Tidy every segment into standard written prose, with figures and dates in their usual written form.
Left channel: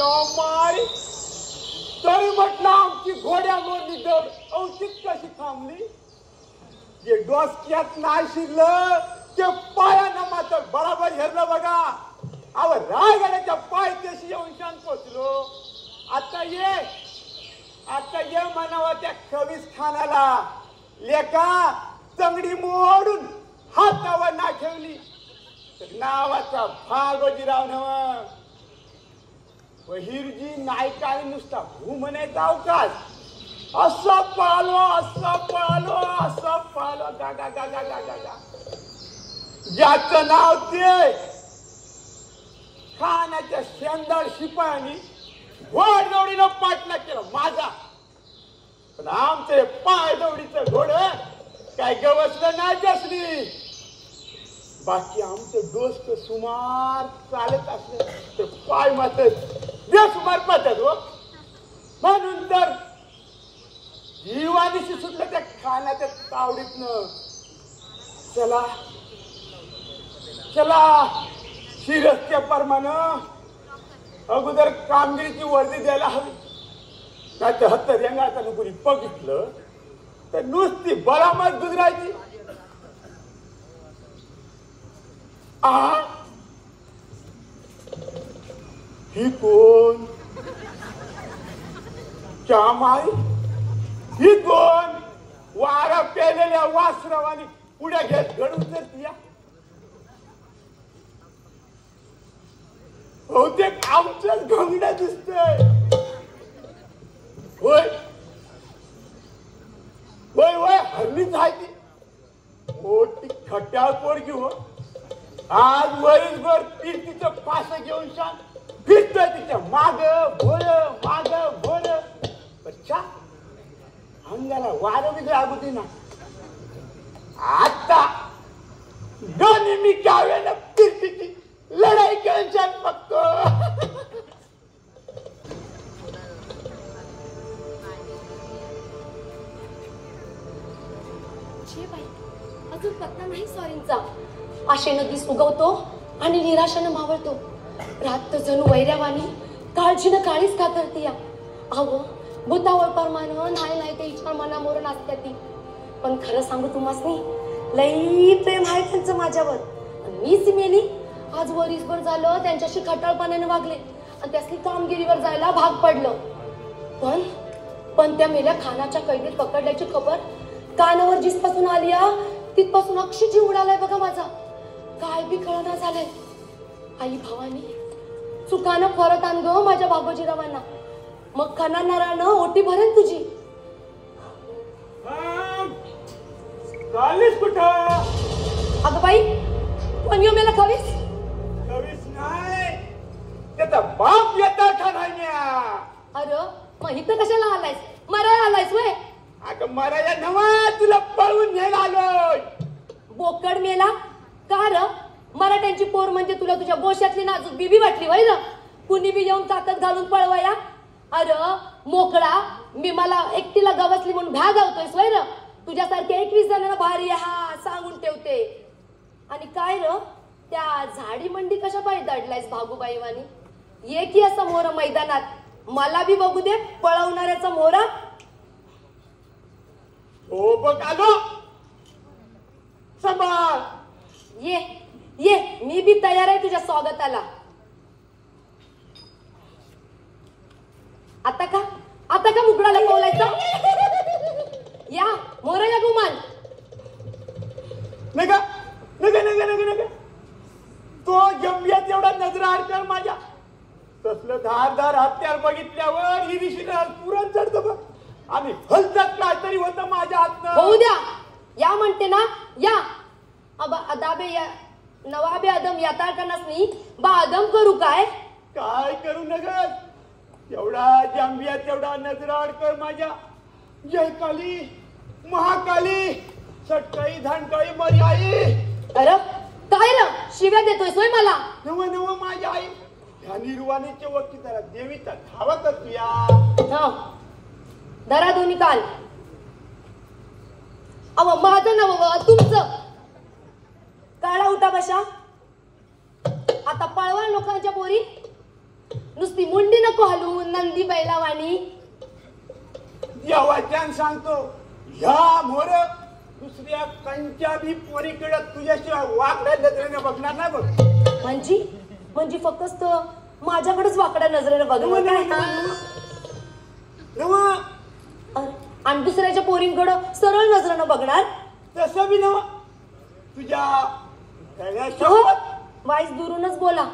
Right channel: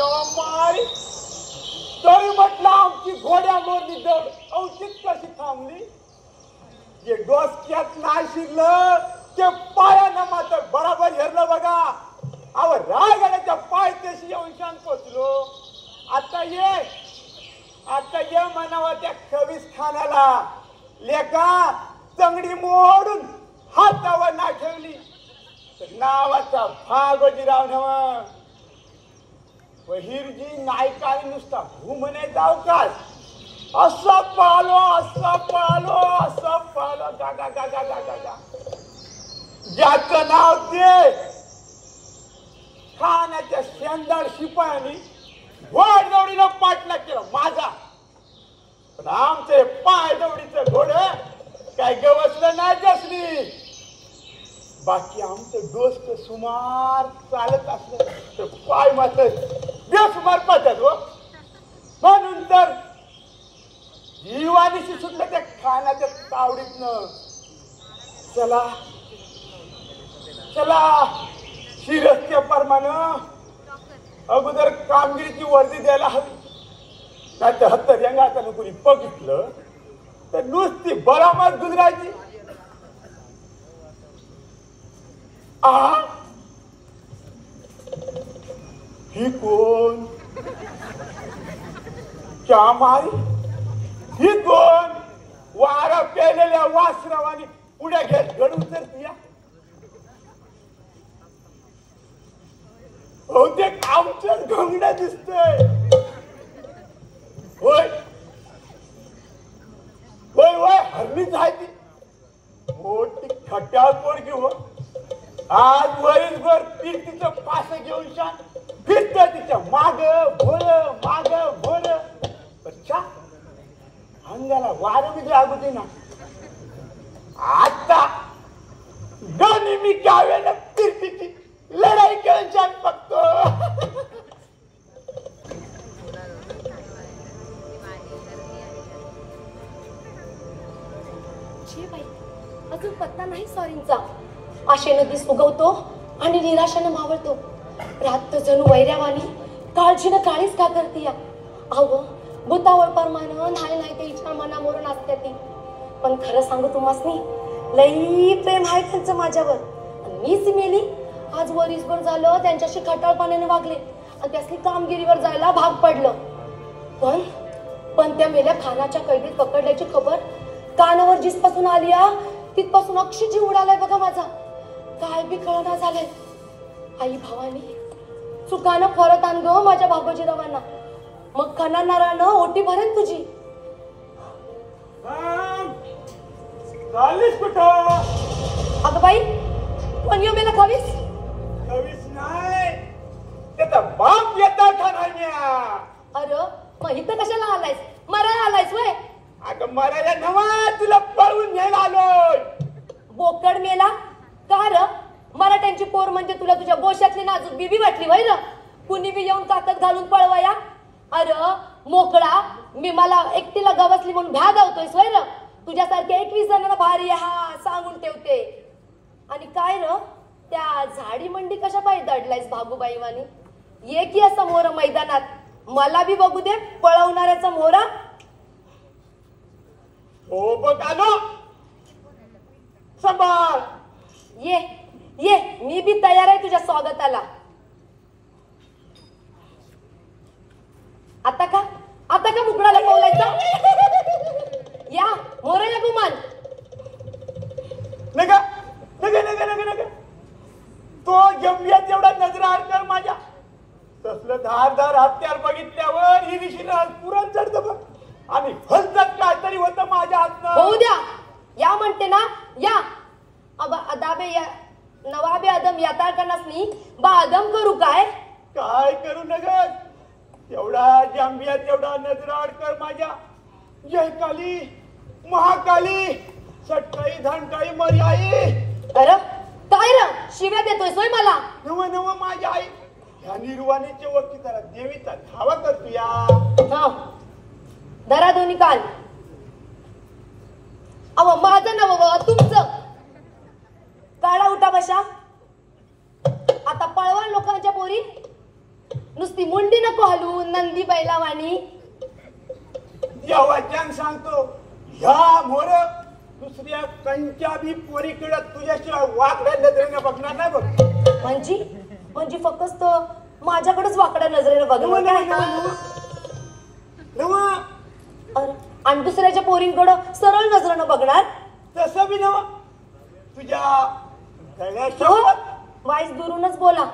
माय तरी म्हटलं आमची घोड्या मोरली दड औषध कशी थांबली. जे डोसक्यात नाही शिरलं ते पायानं मात्र बराबर हेरलं बघा. अव रायगडाच्या पायथ्याशी येऊन शांत पोचलो. आता ये म्हणावं त्या खवीस खानाला लेका चंगडी मोडून हातावर ना ठेवली तर नावाचा भागोजीराव नव हिरजी नायकाने नुसता घुमणे जाऊ का असं पालो गा गा गा गा गा गा गा ज्याचं नाव ते खानाच्या शेंदार शिपायानी घोडदौडीनं पाठला केलं माझा. पण आमचे पाय दौडीचं घोड काय गवसलं नाही त्यासनी. बाकी आमचं दोस्त सुमार चालत असलं तर पाय मात्र बेसुमार पडतात हो. म्हणून तर जीवानीशी सुटलं त्या खानाच्या तावडीतनं. चला शिरस्त्या परमानं अगोदर कामगिरीची वर्दी द्यायला हवी. त्याच्या हत्तर रंगाच्या लोकांनी बघितलं तर नुसती बरामत गुजरायची. ही कोण चामाई ही कोण वारा पेलेल्या वासरावानी पुढे घेत घडून तर बहुतेक आमच्याच घंगड्या दिसतंय. होय हल्लीच आहे ती मोठी खट्याळ पोरगी हो. आज वरीलभर तिचं पास घेऊन शान फिरतोय तिच्या माग भोर अच्छा अंगाला वारं बी लागू दे ना. आता दोन्ही मी गाव्याला फिरतीची लढाई घेऊन शान बघतो. अजून पत्ता नाही सॉरींचा. आशेनं दिस उगवतो आणि निराशानं मावळतो. रात जणू वैऱ्यावानी काळजीनं काळीच का करतीया. अहो भूतावळ परमानं नाही ते इच्छा मनामोरून असत्या ती. पण खरं सांगू तुम्हासनी लई प्रेम आहे त्यांचं माझ्यावर. मीच मेली आज वरीसभर झालं त्यांच्याशी खटाळपणाने वागले आणि त्यासनी कामगिरीवर जायला भाग पडलं. पण त्या मेल्या खानाच्या कैदीत पकडल्याची खबर कानावर जिसपासून आली तिथपासून अक्षी जीव उडालाय बघा माझा. काय बी कळना झाले. आई भावानी चुकानं परत आणलो माझ्या भागोजीरावांना. मग खाणार नारळानं ओटी भरेल तुझी. कुठं अगं बाई कोण येऊ मेला खवीस नाही त्याचा बाप येता ठाण्याच्या. अरे मग इथं कशाला आलायस मरायला आलायस वय. अगं मरायला नवा तुला पळून घ्यायला आलोय. बोकड मेला का र. मराठ्यांची पोर म्हणजे तुला तुझ्या गोशातली नाजूक बीबी वाटली वय ना. कुणी बी येऊन ताकद घालून पळवाया. अरे मोकळा मी मला एकटीला गवसली म्हणून भ्या धावतोयस वय ना. तुझ्यासारख्या 21 जणांना भारी हा सांगून ठेवते. आणि काय र त्या झाडी मंडी कशा पाहिजे दडलायस भागूबाई वाणी. ये की असं मोर मैदानात मला बी बघू दे पळवणाऱ्याचा मोरा. हो बघ आलो सांभाळ. ये मी बी तयार आहे तुझ्या स्वागताला. आता का मुगडाला बोलायचं. या मोरेला गुमान. नका तो जमियात एवढा नजरा आड कर माझ्या. तसलं धारदार हत्यार बघितल्यावर ही दिशेला पुरण चढतं बघ. आणि हलतात काय तरी होतं माझ्या हातनं. होऊ द्या या म्हणते ना या. अदाबे या नवाबे आदम याता करणास नाही बा आदम करू काय करू नगर. एवढा जांबियात एवढा नजराड कर माझ्या. जय काली महाकाली सटकाई धानकाई मरी आई. अरे काय र शिव्या देतोय सोय मला. नव माझ्या आई ह्या निर्वाणीच्या वरती जरा देवीचा धावा करतोया. धरा दोन्ही काल. अव माझं नव तुमचं काढा उठा बशा. आता पळवा लोकांच्या पोरी नुसतं नुसती मुंडी नको हलवून नंदी बैलावानी. देवाच्यान सांगतो ह्या मोर दुसऱ्या कंच्या बी पोरीकडे तुझ्याशिवाय वाकड्या नजरेने बघणार नाही बघ. म्हणजे फक्त माझ्याकडेच वाकड्या नजरेने बघणार. आणि दुसऱ्याच्या पोरींकडं सरळ नजरेनं बघणार. तसं बी नवा तुझ्या हो, वाईस दुरूनच बोला.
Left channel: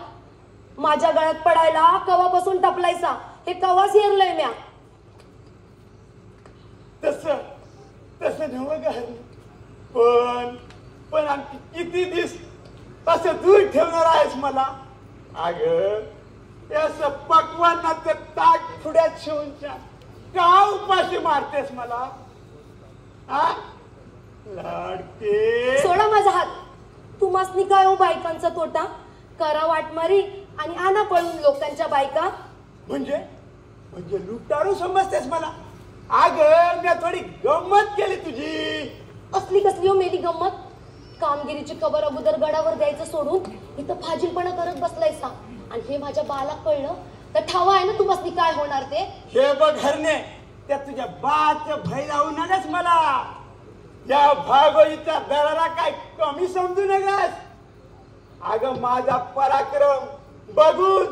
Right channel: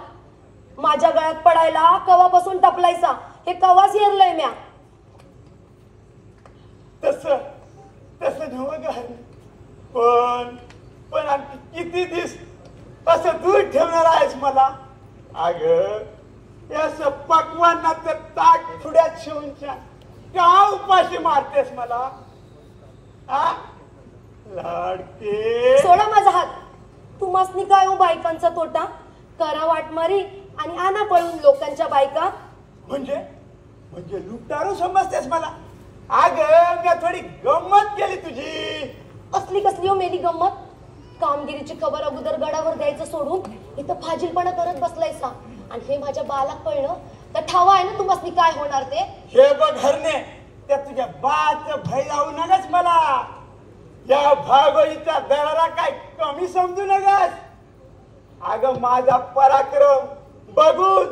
माझ्या गळ्यात पडायला कवापासून टपलायचा हे कवाच हेरलंय म्या. तसं नव पण आणखी किती दिस असं दूर ठेवणार आहेस मला. अग असं पकवानाचं ताट पुढ्यात शिवूनच्या का उपाशी मारतेस मला. हा लाडके सोडा माझा हात. तुम्हासनी काय हो बायकांचा तोटा. करा वाटमारी आणि आणा पळून लोकांच्या बायका. म्हणजे लुटारू समजतेस मला. अग मी थोडी गंमत केली तुझी. असली कसली हो मेली गंमत. कामगिरीची खबर अगोदर गडावर द्यायचं सोडून इथं फाजीलपणा करत बसलायसा. आणि हे माझ्या बालाक कळलं तर ठावा आहे ना तुम्हासनी काय होणार ते. हे बघ हरणे त्या तुझ्या बाच भय लावू नकस मला. या भागोळीचा दरारा काय कमी समजू नकस. अगं माझा पराक्रम बघून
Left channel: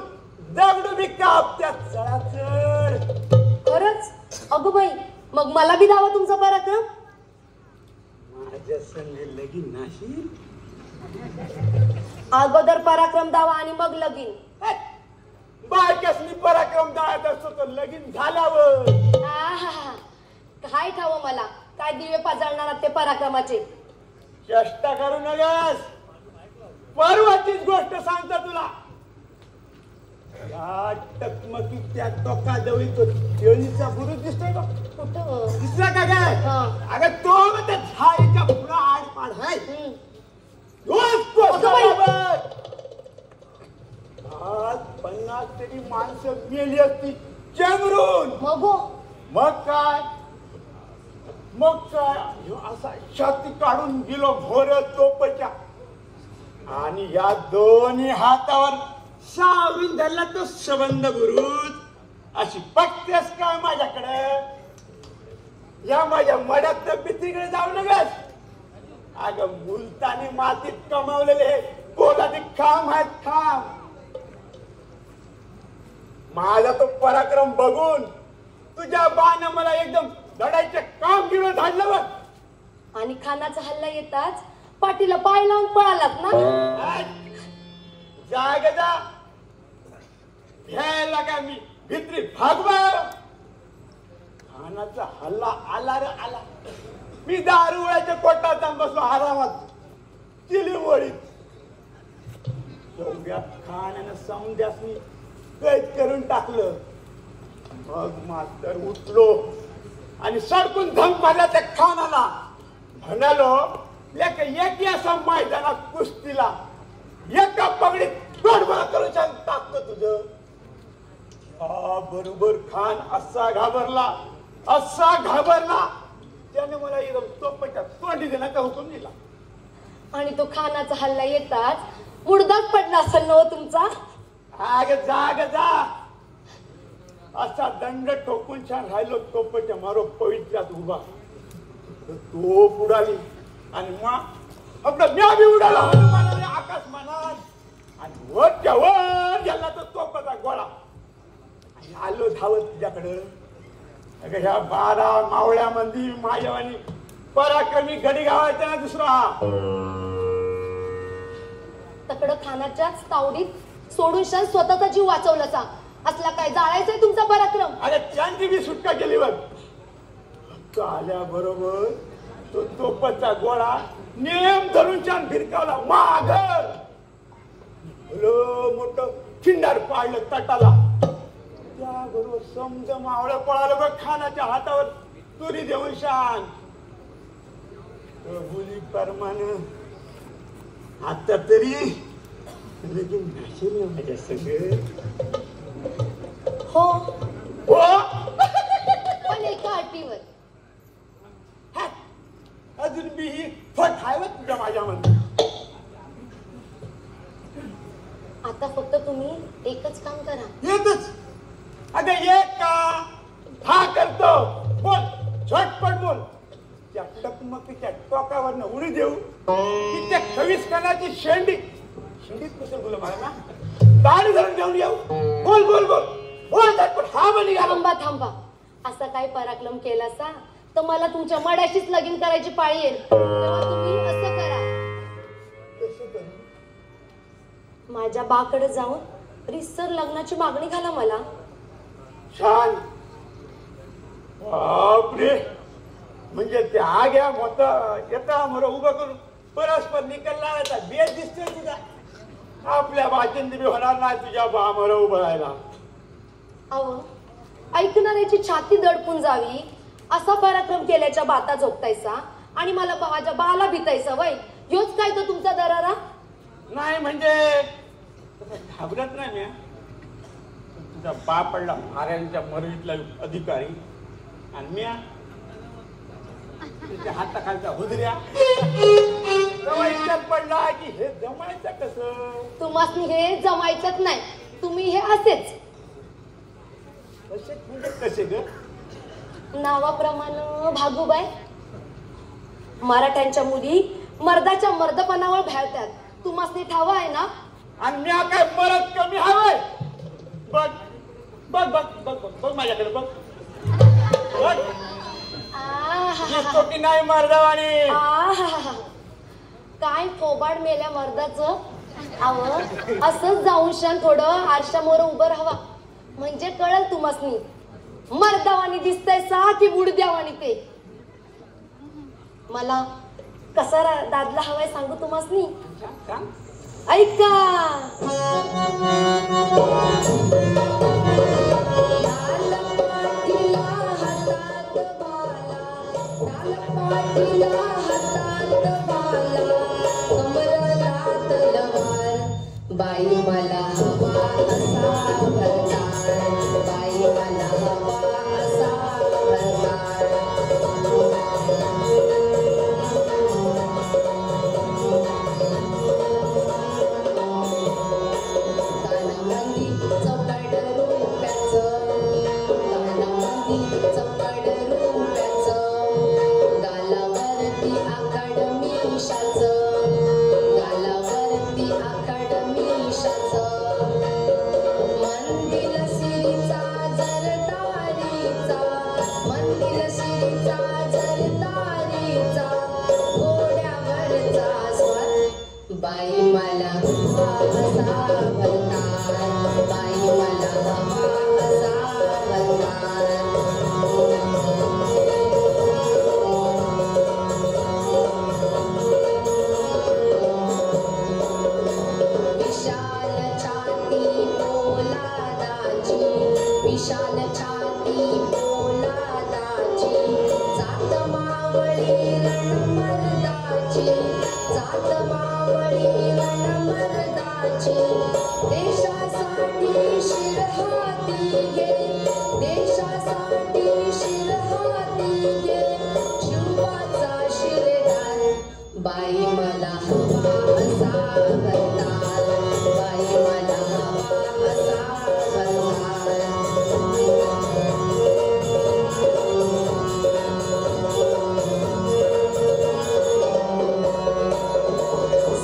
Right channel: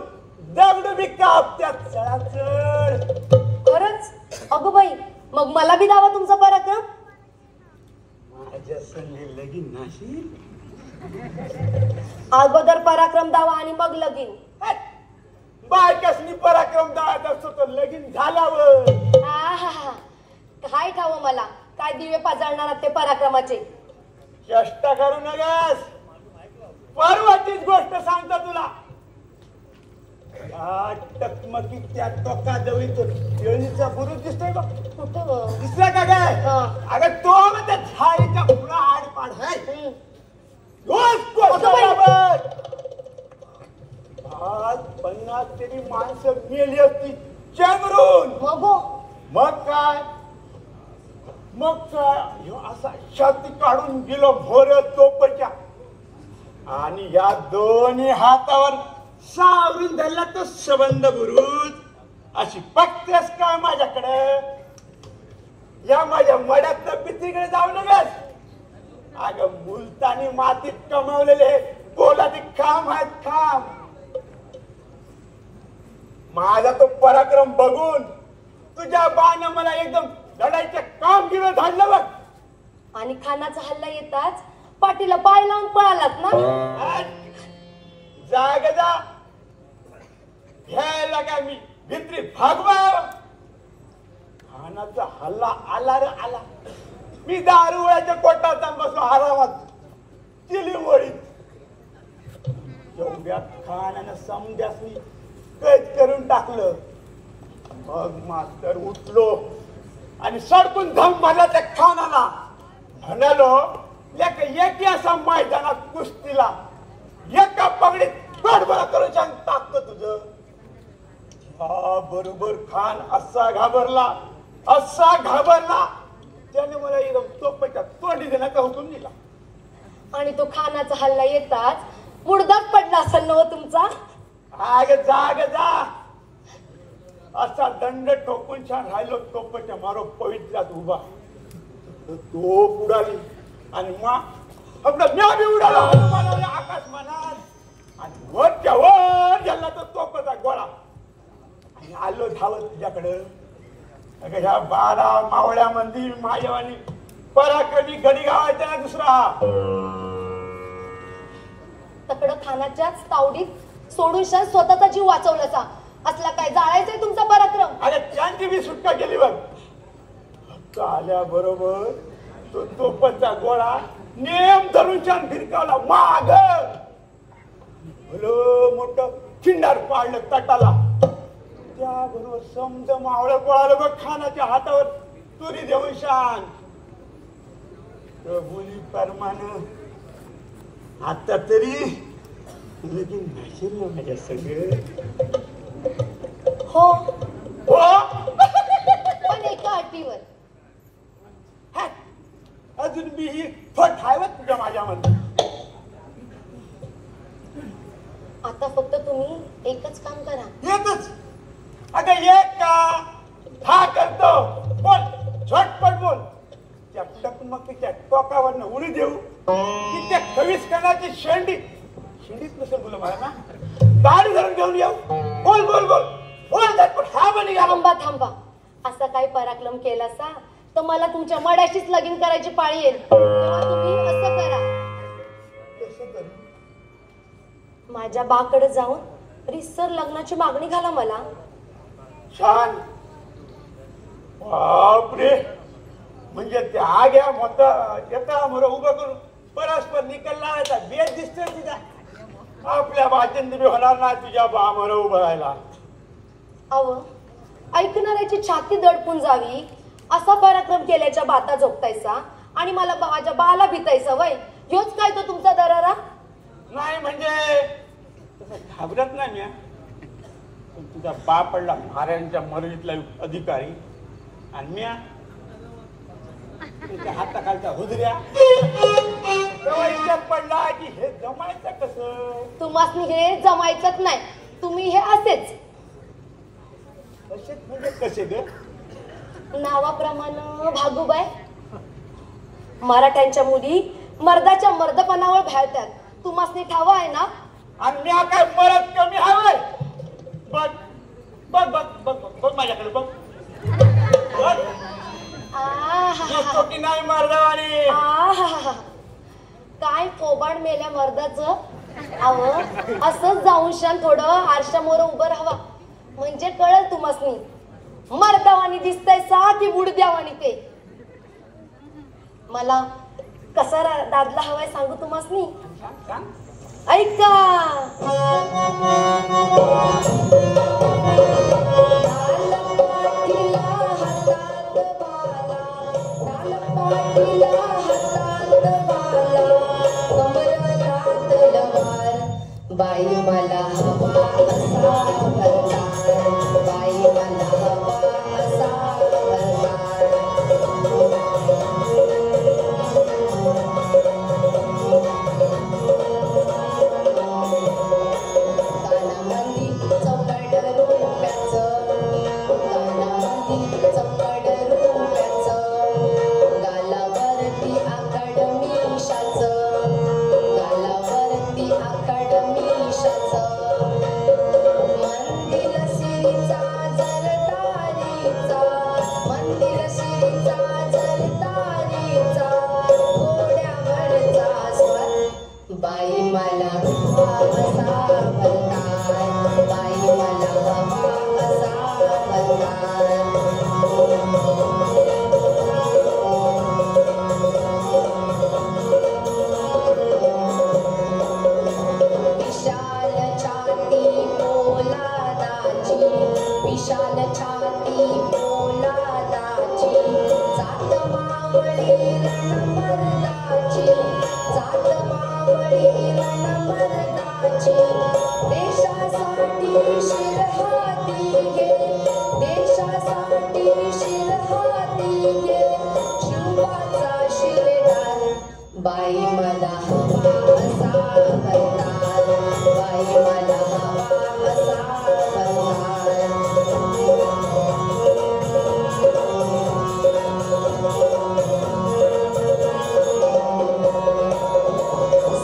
दगड बी कापत्यात चढाचढ. खरंच अगो बाई मग मला बी दावा तुमचा पराक्रम. माझ्या संगे लगीन नाशी. अगोदर पराक्रम दावा आणि मग लगीन. बायकासनी पराक्रम दावात असतो तर लगीन झाल्यावर. काय ठाव मला काय दिवे पाजळणार ते पराक्रमाचे. चेष्टा करू नगस. परवाचीच गोष्ट सांगतो तुला. टकमकी त्या टोकाजवळ तो केळीचा बुरुज दिसतोय बघ. कुठं दिसला का काय. अगं तो त्या झाडीच्या पुढं आडपाड आहे. आज 50 तरी माणसं मेली असती चंद्रून. मग काय असा छाती काढून गेलो भोर तोपच्या. आणि या दोन्ही हातावर सावरून धरला तो सबंध बुरुज. अशी बघतेस का माझ्याकडे. या माझ्या मड्यात भीतीकडे जाऊ नगस. अगं मुलतानी मातीत कमावलेले पोलादी खांब आहेत खांब. माझा तो पराक्रम बघून तुझ्या बानं मला एकदम लढाईचं काम घेऊन धाडलं बघ. आणि खानाचा हल्ला येताच पाठीला पाय लावून पळालात ना. जाग जा घ्यायला का मी भित्री भागवा. खानाचा हल्ला आला रे आला. मी दारुळ्याच्या कोटात बसलो आरामात चिली वळीत. एवढ्यात खानानं समद्यासनी कैद करून टाकलं. मग मात्र उठलो आणि सडकून धम मारला त्या खानाला. म्हणालो एक असा मैदानात कुस्तीला एका पगडीत गडबडा करून सांग टाकतो तुझं. हा बरोबर खान असा घाबरला त्याने मला एकदम तोपच्या तोंडी देण्याचा हुकूम दिला. आणि तो खानाचा हल्ला येताच मुडदाच पडला असेल ना तुमचा. आग जाग जा. असा दंड ठोकून छान राहिलो तोपच्या मारो पवित्रात उभा. तो उडाली आणि आपलं म्या बी उडाला आकाश मानात. आणि वरच्या वर गेला तो तोपाचा गोळा. आलो धावत तुझ्याकडं. अगं ह्या 12 मावळ्यामध्ये माझ्यावानी पराक्रमी गडी गावायचा ना दुसरा. तकड खानाच्याच तावडीत सोडून स्वतःचा जीव वाचवलासा. असला काय जाळायचंय तुमचा पराक्रम. अरे त्यांची बी सुटका केली बघ. आल्याबरोबर तो तोपचा गोळा नेम धरून छान फिरकावला माग. भलं मोठं खिंडार पाडलं तटाला. त्याबरोबर समज मावळं पळालं बघ खानाच्या हातावर तुरी देऊन शान. प्रभुली परमानं आता तरी लगीन नसेल ना माझ्या सगळं. हो पण एका अटीवर. अजून बी ही फट हायवत तुझ्या माझ्यामध्ये. आता फक्त तुम्ही एकच काम करा. येतच. अगं एक का हा करतो. बोल झटपट बोल. त्या टकमकीच्या टोकावरनं उडी देऊ की त्या खवीसकणाची शेंडीत नसेल तुला मला ना दाढी धरून घेऊन येऊ. बोल बोल बोल बोल झटपट. हा म्हणे थांबा थांबा. असा काही पराक्रम केलासा तर मला तुमच्या मड्याशीच लगीन करायची पाळी येईल. तेव्हा तुम्ही असं करा. माझ्या बाकडे जाऊन रिसर लग्नाची मागणी घाला मला. छान. बापरे. म्हणजे त्या आग्या मत येता मला उभं करून परस्पर निकलला येतात बेस दिसतोय तिला. आपल्या बाचंदी होणार ना तुझ्या बामर उभं राहायला. अव ऐकणाऱ्याची छाती दडपून जावी असा पराक्रम केल्याच्या बाता झोपतायसा आणि मला माझ्या बाला भीतायसा वय. ह्योच काय तो तुमचा दरारा. नाही म्हणजे घाबरत नाही मी. तुझा बाप पडला महाराजांच्या मर्जीतला अधिकारी आणि मी तुझ्या हाताखालचा हुदऱ्या जमायच्यात पडला की हे जमायचं कसं. तुम्हाला हे जमायचंच नाही. तुम्ही हे असेच कसेच म्हणजे कसे ग. नावाप्रमाणे भागूबाई. मराठ्यांच्या मुली मर्दाच्या मर्दपणावर भाळतात. तुम्हाला ठाव आहे ना. आणि मी काय परत कमी हवाय. बघ बघ बघ बघ बघ माझ्याकडे बघ. छोटी नाही मर्दावानी. काय थोबाड मेल्या मर्दाचं. अहो असंच जाऊन शान थोडं आरशामोर उभं राहावा म्हणजे कळल तुम्हासनी मर्दावानी दिसतंय सा की बुडद्यावानी ते. मला कसा दादला हवाय सांगू तुम्हासनी. ऐका. बाई मला हवा असा भरणार. बाई मला हवा असा भरणार. गाण्यामध्ये चपड रुपयाचं. गाण्यामध्ये चपड रुपयाचं. गालावरती आकड मिशाचं. गालावरती आकड मिशाचं. मंदिर सिरीचा जरदारीचा. मंदिर सिरीचा जरदारीचा. घोड्यावरचा स्वर. बाई मला हवा असा भरणार. बाई मला हवा असा भरणार. विशाल छाती पोलादाची. विशाल छाती पोलादाची. जात मावळी रणमर्दाची. जात मावळी रणमर्दाची. देशासाठी शिरहाती घे. देशासाठी शिरहाती घे. शिवाचा शिरदार. बाई मला हवा असा भरणार. बाई मला हवा असा भरणार.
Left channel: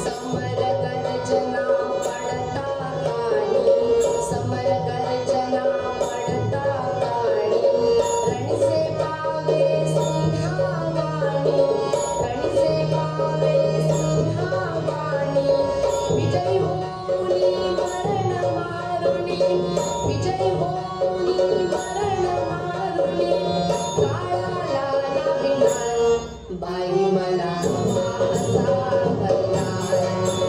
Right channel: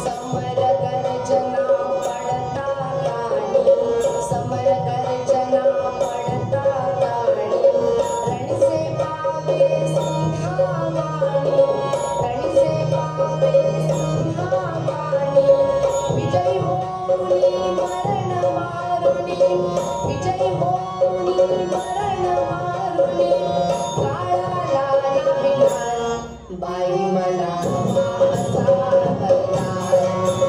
समर गर्जना पडता काळी. समर गर्जना पडता काळी. रणसे पावे सिंहावाणी. रणसे पावे सिंहावाणी. विजय होऊनी मरण मारुनी. विजय होऊनी मरण मारुनी. काळाला अभिमान. बाई मला हवा असा भरणार.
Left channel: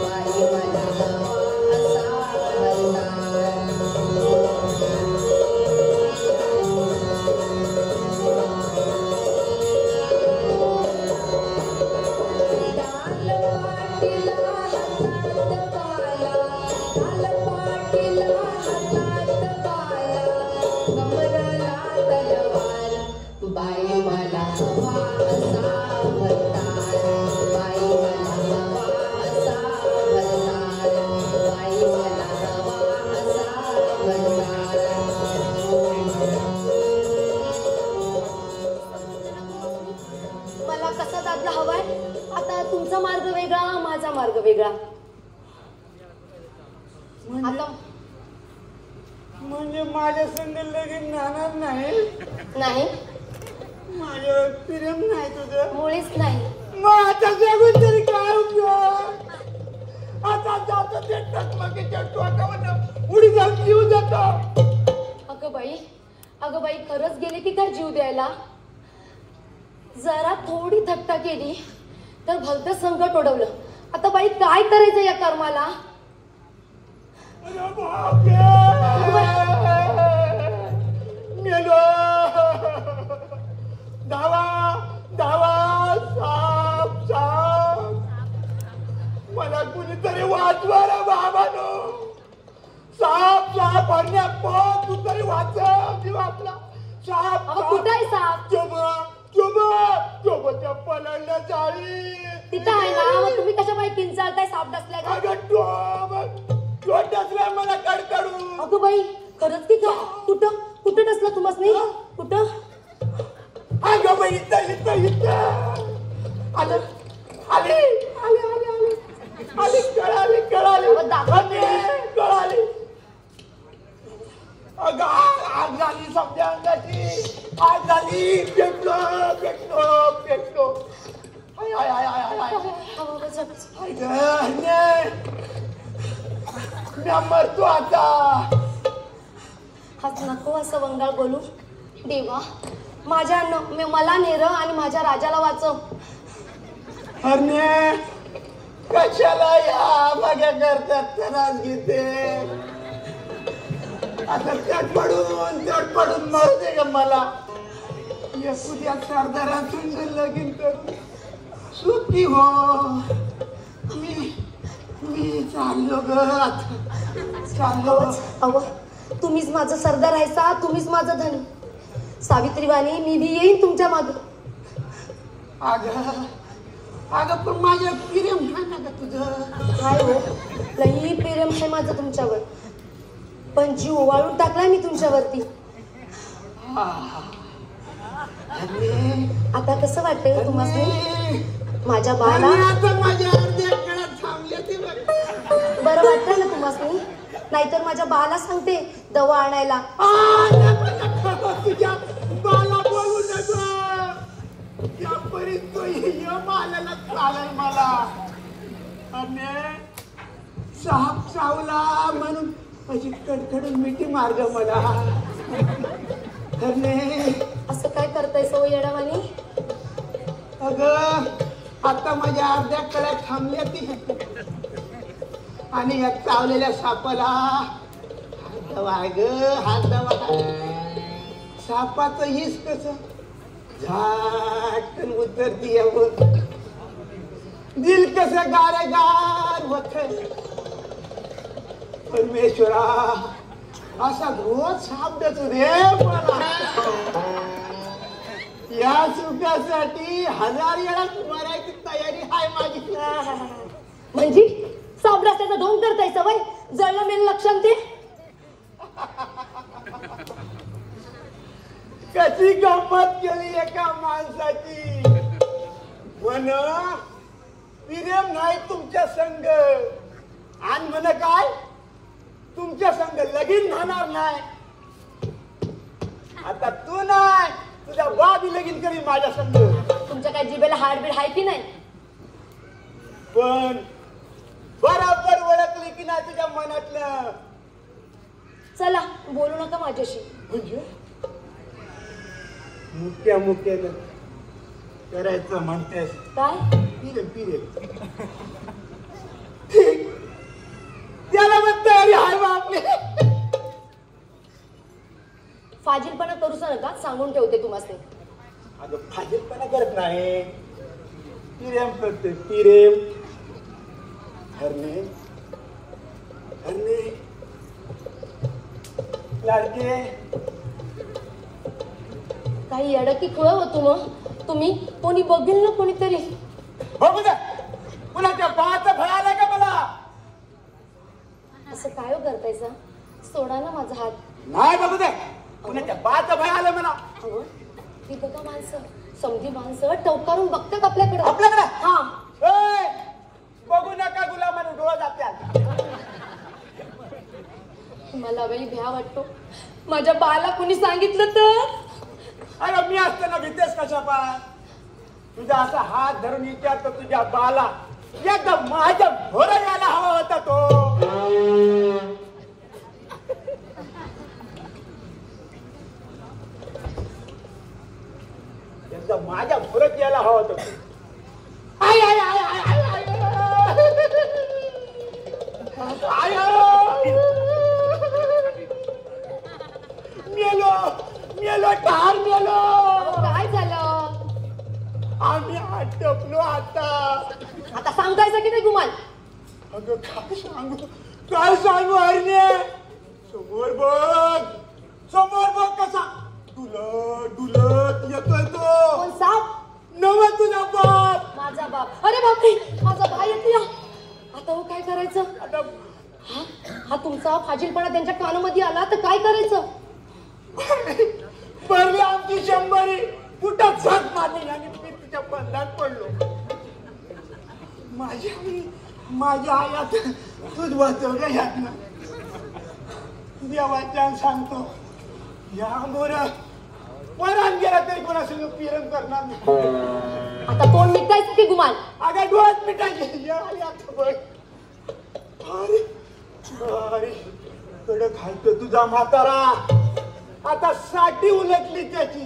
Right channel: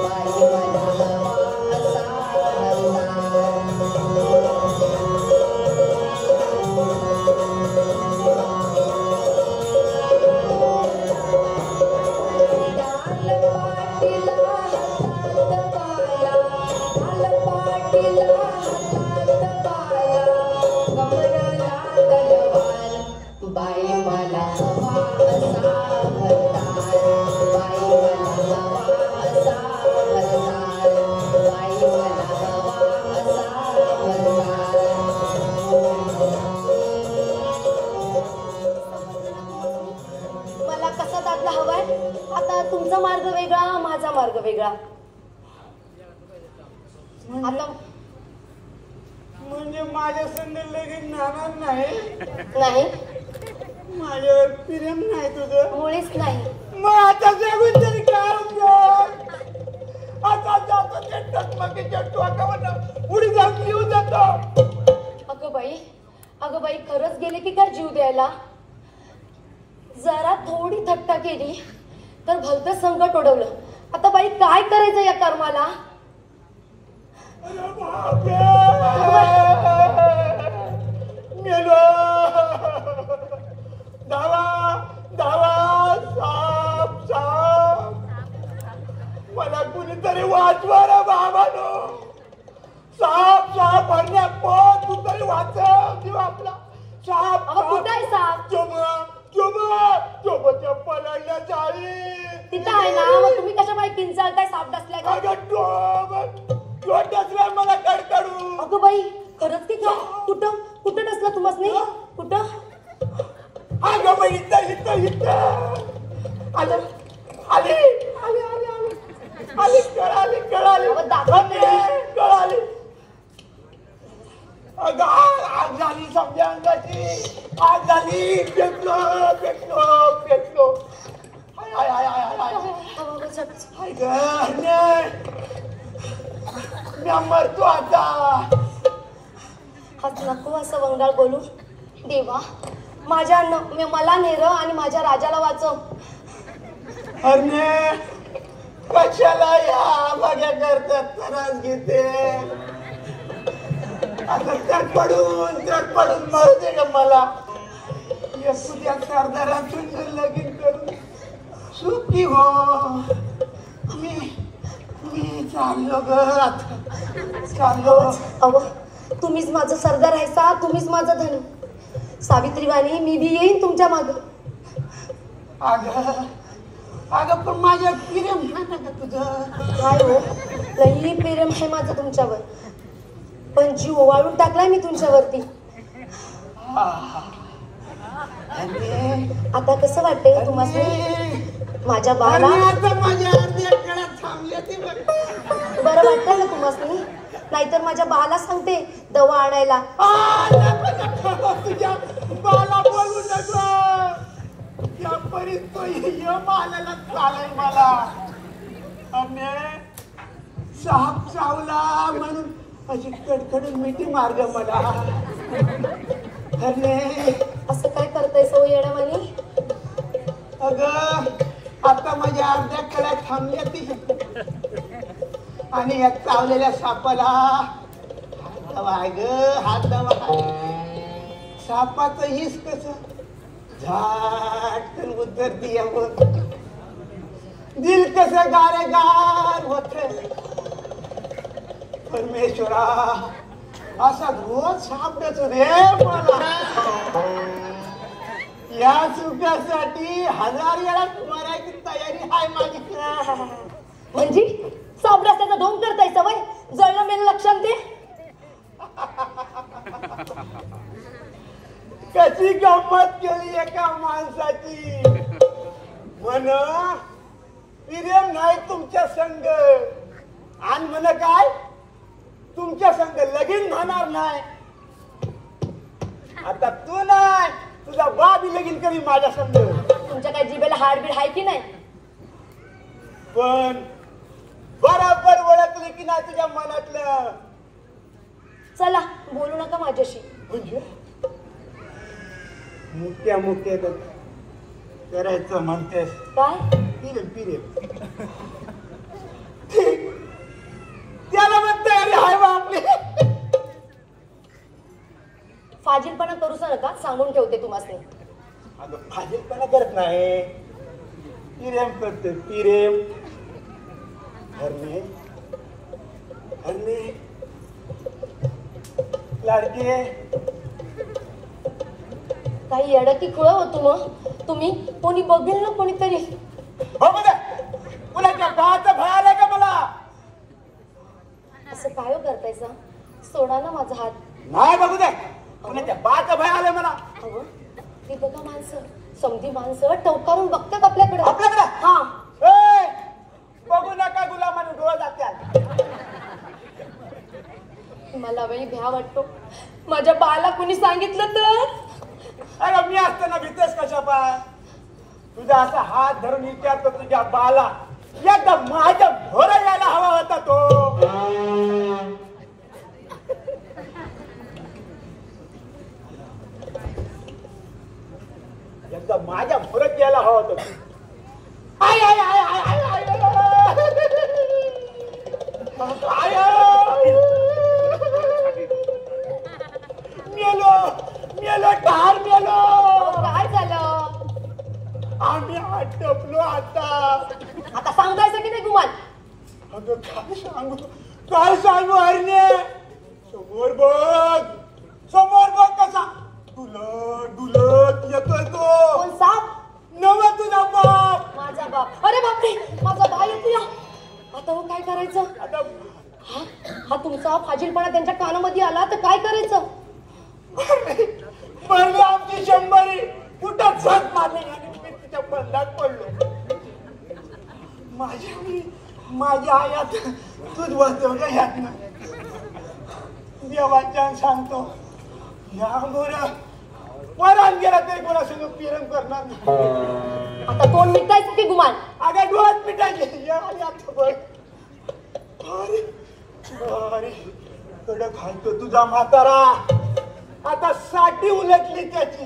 बाई मला हवा असा भरणार. बाई मला हवा असा भरणार. बाई मला हवा असा भरणार. म्हणजे माझ्या संग लगीन जाणार नाही? नाही, माझ्यावर प्रेम नाही तुझं? मुळीच नाही. मग आता जगून तरी काय उपयोग? आता जातो ते टकमकीच्या टोकावर उडी जाऊन येऊन जातो. अगं बाई खरंच गेले की काय जीव द्यायला? जरा थोडी थट्टा केली तर भलतं संकट ओढवलं. आता बाई काय करायचं या कर्माला? अरे बापरे! मेलो! धावा धावा साप साप! मला कुणीतरी वाचवा रे बाबानो! साप साप भरण्या पण तू तरी वाचव जीव आपला. साप अगं कुठे आहे साप? चोबच्या पलडल्या चाळी तिथं आहे ना. मग तुम्ही कशा बाई किंचाळताय? साप डसलाय का? अगं टोब डसला मला कडकडू. अगं बाई खरंच की काय? कुठं कुठं डसला तुम्हासनी? कुठं? अगं बाई इथं आले कळाली अगं दाखव कळाली. अगं आग झाली समजा अंगाची. आग झाली. पेटलो. मरतो आता. हाच नको असं वंगाळ बोलू. देवा मला नेर आणि माझ्या राजाला वाचव. अरे कशाला या माझ्या करतात त्रास घेते? आता चढ पडून मरू दे ग मला. या सरदारातून लगीन करून सुखी हो. मी चाललो ग आता. चाललो. अहो तुम्हीच माझं सरदार आहेसा. तुम्हीच माझं धन. सावित्रीवाणी मी बी येईन तुमच्या माग. अगं पण माझ्या प्रेम आहे का तुझं? काय हो लई प्रेम आहे माझं तुमच्यावर. पण जीव ओवाळून टाकलाय मी तुमच्यावरती. आता कसं वाटतंय तुम्हाला? माझ्या बाला माझ्या अर्ध्या काळात थांबले ती बरं वाटतंय ना तुम्हाला? नाहीतर माझ्या बाला सांगते दवा आणायला. तुझ्या बाला बोलू नको. या पर्यंत मालाला चालाय मला. आणि साप चावला म्हणून अशी कडकडून मिठी मार्ग मला. असं काय करताय सो येडावानी? अगं आता माझ्या अर्ध्या कळ्या थांबल्या ती. आणि या चावलेल्या सापाला हात सापाचं हिस कस झाटकन उतरतीये. दिल कसं गार होत. परमेश्वरा असा रोज साप देतो रे मला. या सुखासाठी 1000 वेळा मरायची तयारी आहे माझी. म्हणजे साबराष्ट्राचा ढोंग करताय सवय? जळलं मेल लक्षात ते. कशी गंमत केली एका माणसाची. म्हण प्रेम नाही तुमच्या संग. आणि म्हण काय तुमच्या संग लगीन होणार नाही. आता तू नाही तुझा बाबी लगीन करी माझ्या संग. तुमच्या काय जिभेला हाडबीड आहे की नाही? पण बरोबर ओळखली की नाही तुझ्या मनातलं? चला बोलू नका माझ्याशी. म्हणजे मुक्या करायचं म्हणतेस? काय पिरे ठीक. त्याला मग तयारी आहे बा आपली. फाजीलपणा करूच नका सांगून ठेवते तुम्हाला. अगं फाजीलपणा करत नाही. प्रेम करते प्रेम. हरणे लाडकी काही येडं की खुळं होतो मग तुम्ही? कोणी बघेल ना कोणीतरी. बघू दे कुणाच्या बाचं भय आलाय का मला? असं काय करताय सा? सोडा ना माझा हात. नाही बघू दे कुणाच्या बाचं भय आलंय मला. अहो ती बघा माणसं समधी माणसं टवकारून बघतात आपल्याकडे. हा बघू नका गुलामानं डोळं जात्यात. मला लई भ्या वाटतो. माझ्या बाला कुणी सांगितलं तर? अरे मी असताना भीतेस कशा पाय? तुझा असा हात धरून विचारतो तुझ्या बाला एकदा माझ्या भोर यायला हवा होता तो. एकदा माझ्या भोरत यायला हवा होता. I I I I I I मेलो मेलो ठार मेलो. काय झालं? आम्ही आटपलो आता सांगायचं की नाही गुमान? अगं काय सांगू हरणे. समोर बघ कसा डुलत येतोय तो. कोण साप? नवा तुझा बाप. माझा बाप? अरे बापरे, माझा बाप येतो. आता हो काय करायचं? आता हा तुमचा फाजीलपणा त्यांच्या कानामध्ये आला तर काय करायचं? पडली आमची 100 कुठं झक मारली आणि मी तिच्या बंधात पडलो. माझ्या आयात दूध वाचवलं ह्यातनं. देवाच्या सांगतो या मोर परान गेला तरी कोणासंग पिरण करणार नाही. आता तोंड मिटायचं की गुमान? अगं डोळ्यात मिटायचे. अरे अरे कडक घालतो तुझा म्हातारा. आता साठी उलटली त्याची.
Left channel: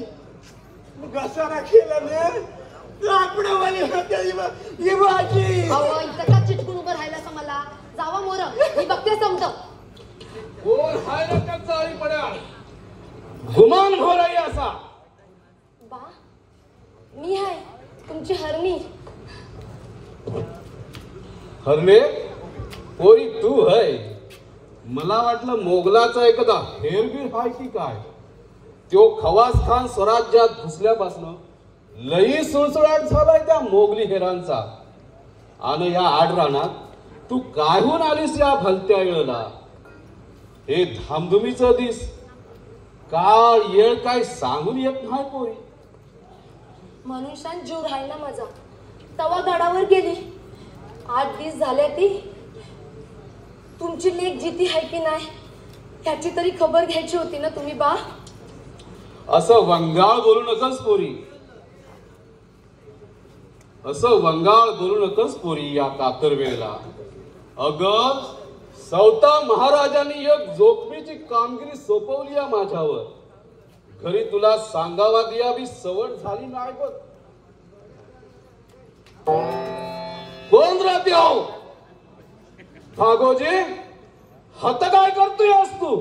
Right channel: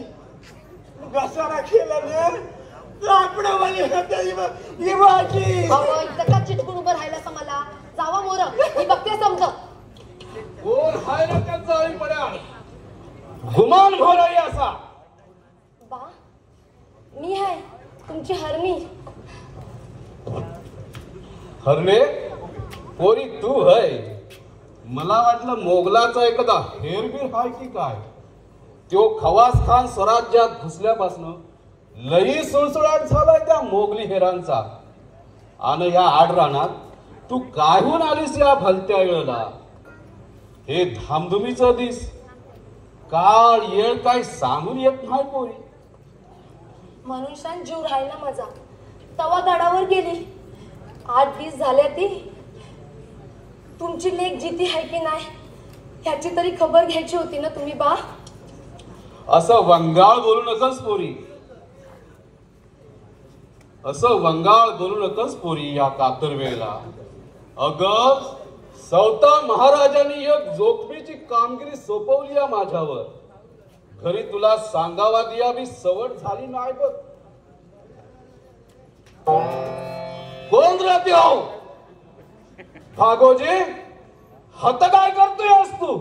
घसारा केला ना आपणावाली होते इवाची. इतका चिटकून उभं राहिलं मला. जावा मोर, मी बघते समज. कोण हाय रे त्या चाळी पड्या? गुमान घोराई असा. बा मी आहे तुमची हरणी. हरणे पोरी तू है? मला वाटलं मोगलाचा एखादा हेरबीर हाय की काय. तो खवास खान स्वराज्यात घुसल्यापासून लई सुळसुळाट झालाय त्या मोगली हेरांचा. आणि या आडरानात तू काहून आलीस या भलत्या वेळेला? हे धामधुमीचं दिस काळ येळ काय सांगून येत नाही पोरी. मनुष्यान जीव राहिला माझा. तवा गडावर गेली. 8 दिवस झाले ती. तुमची लेक जिती आहे की नाही ह्याची तरी खबर घ्यायची होती ना तुम्ही बा. असं वंगाळ बोलू नकस पोरी. असं वंगाळ बोलू नकस पोरी या कातर वेळेला. अगं सौता महाराजांनी एक जोखमीची कामगिरी सोपवली या माझ्यावर. घरी तुला सांगावा दिया बी सवड झाली नाही बघ. कोण राहते आहो? भागोजी हत काय करतोय आज तू?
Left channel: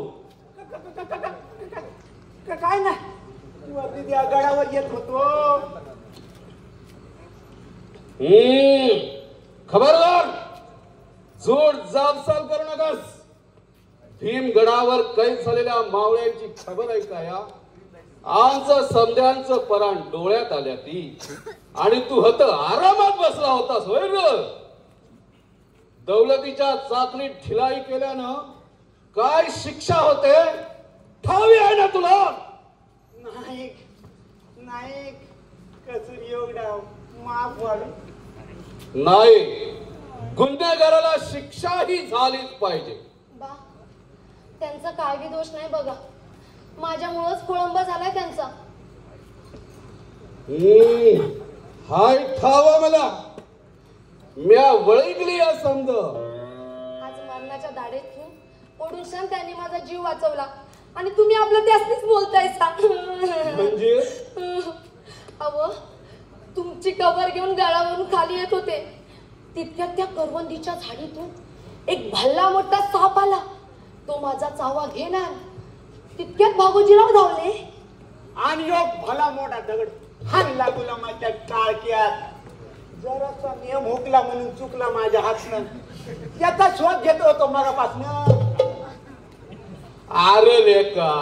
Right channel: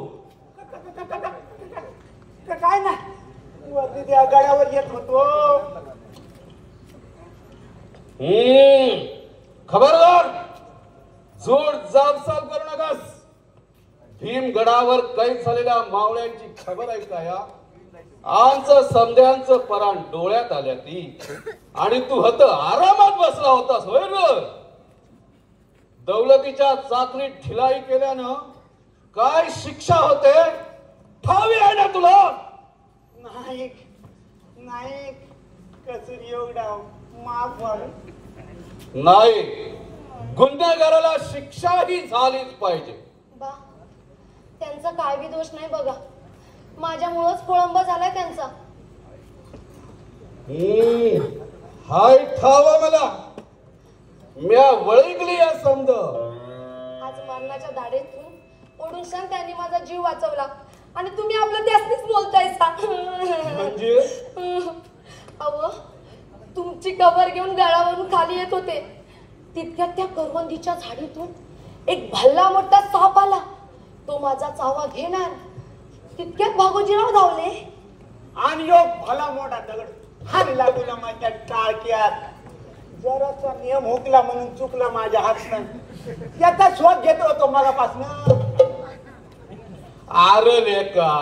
काय ना वरती त्या गडावर येत होतो. खबरदार जोड जाबसाल करू नकास. भीमगडावर कैद झालेल्या मावळ्यांची खबर आहे का? या आमचं समद्यांचं पराण डोळ्यात आल्या ती. आणि तू हत आरामात बसला होतास होय र? दौलतीच्या चाचणीत ढिलाई केल्यानं काय शिक्षा होते ठावी आहे ना तुला? नाईक नाईक कसर एवढा माफ झालं नाही. गुन्हेगाराला शिक्षाही झालीच पाहिजे. बा त्यांचा काय बी दोष नाही बघा. माझ्यामुळंच खोळंबा झालाय त्यांचा. हाय ठावा मला. म्या वळगली या समज. आज मरणाच्या दाढेतून ओढून शान त्यांनी माझा जीव वाचवला आणि तुम्ही आपलं त्यासनीच बोलतायसा. म्हणजे अव तुमची कबर घेऊन गळावरून खाली येत होते. तितक्यात त्या करवंदीच्या झाडीतून एक भल्ला मोठा साप आला. तो माझा चावा घेणार. तितक्यात भागोजीराव धावले आणि योग भला मोठा दगड हाणला गुलामाच्या टाळक्यात. जरासा नियम हुकला म्हणून चुकला माझ्या हातनं. त्याचा शोध घेत होतो मगापासनं. अरे लेका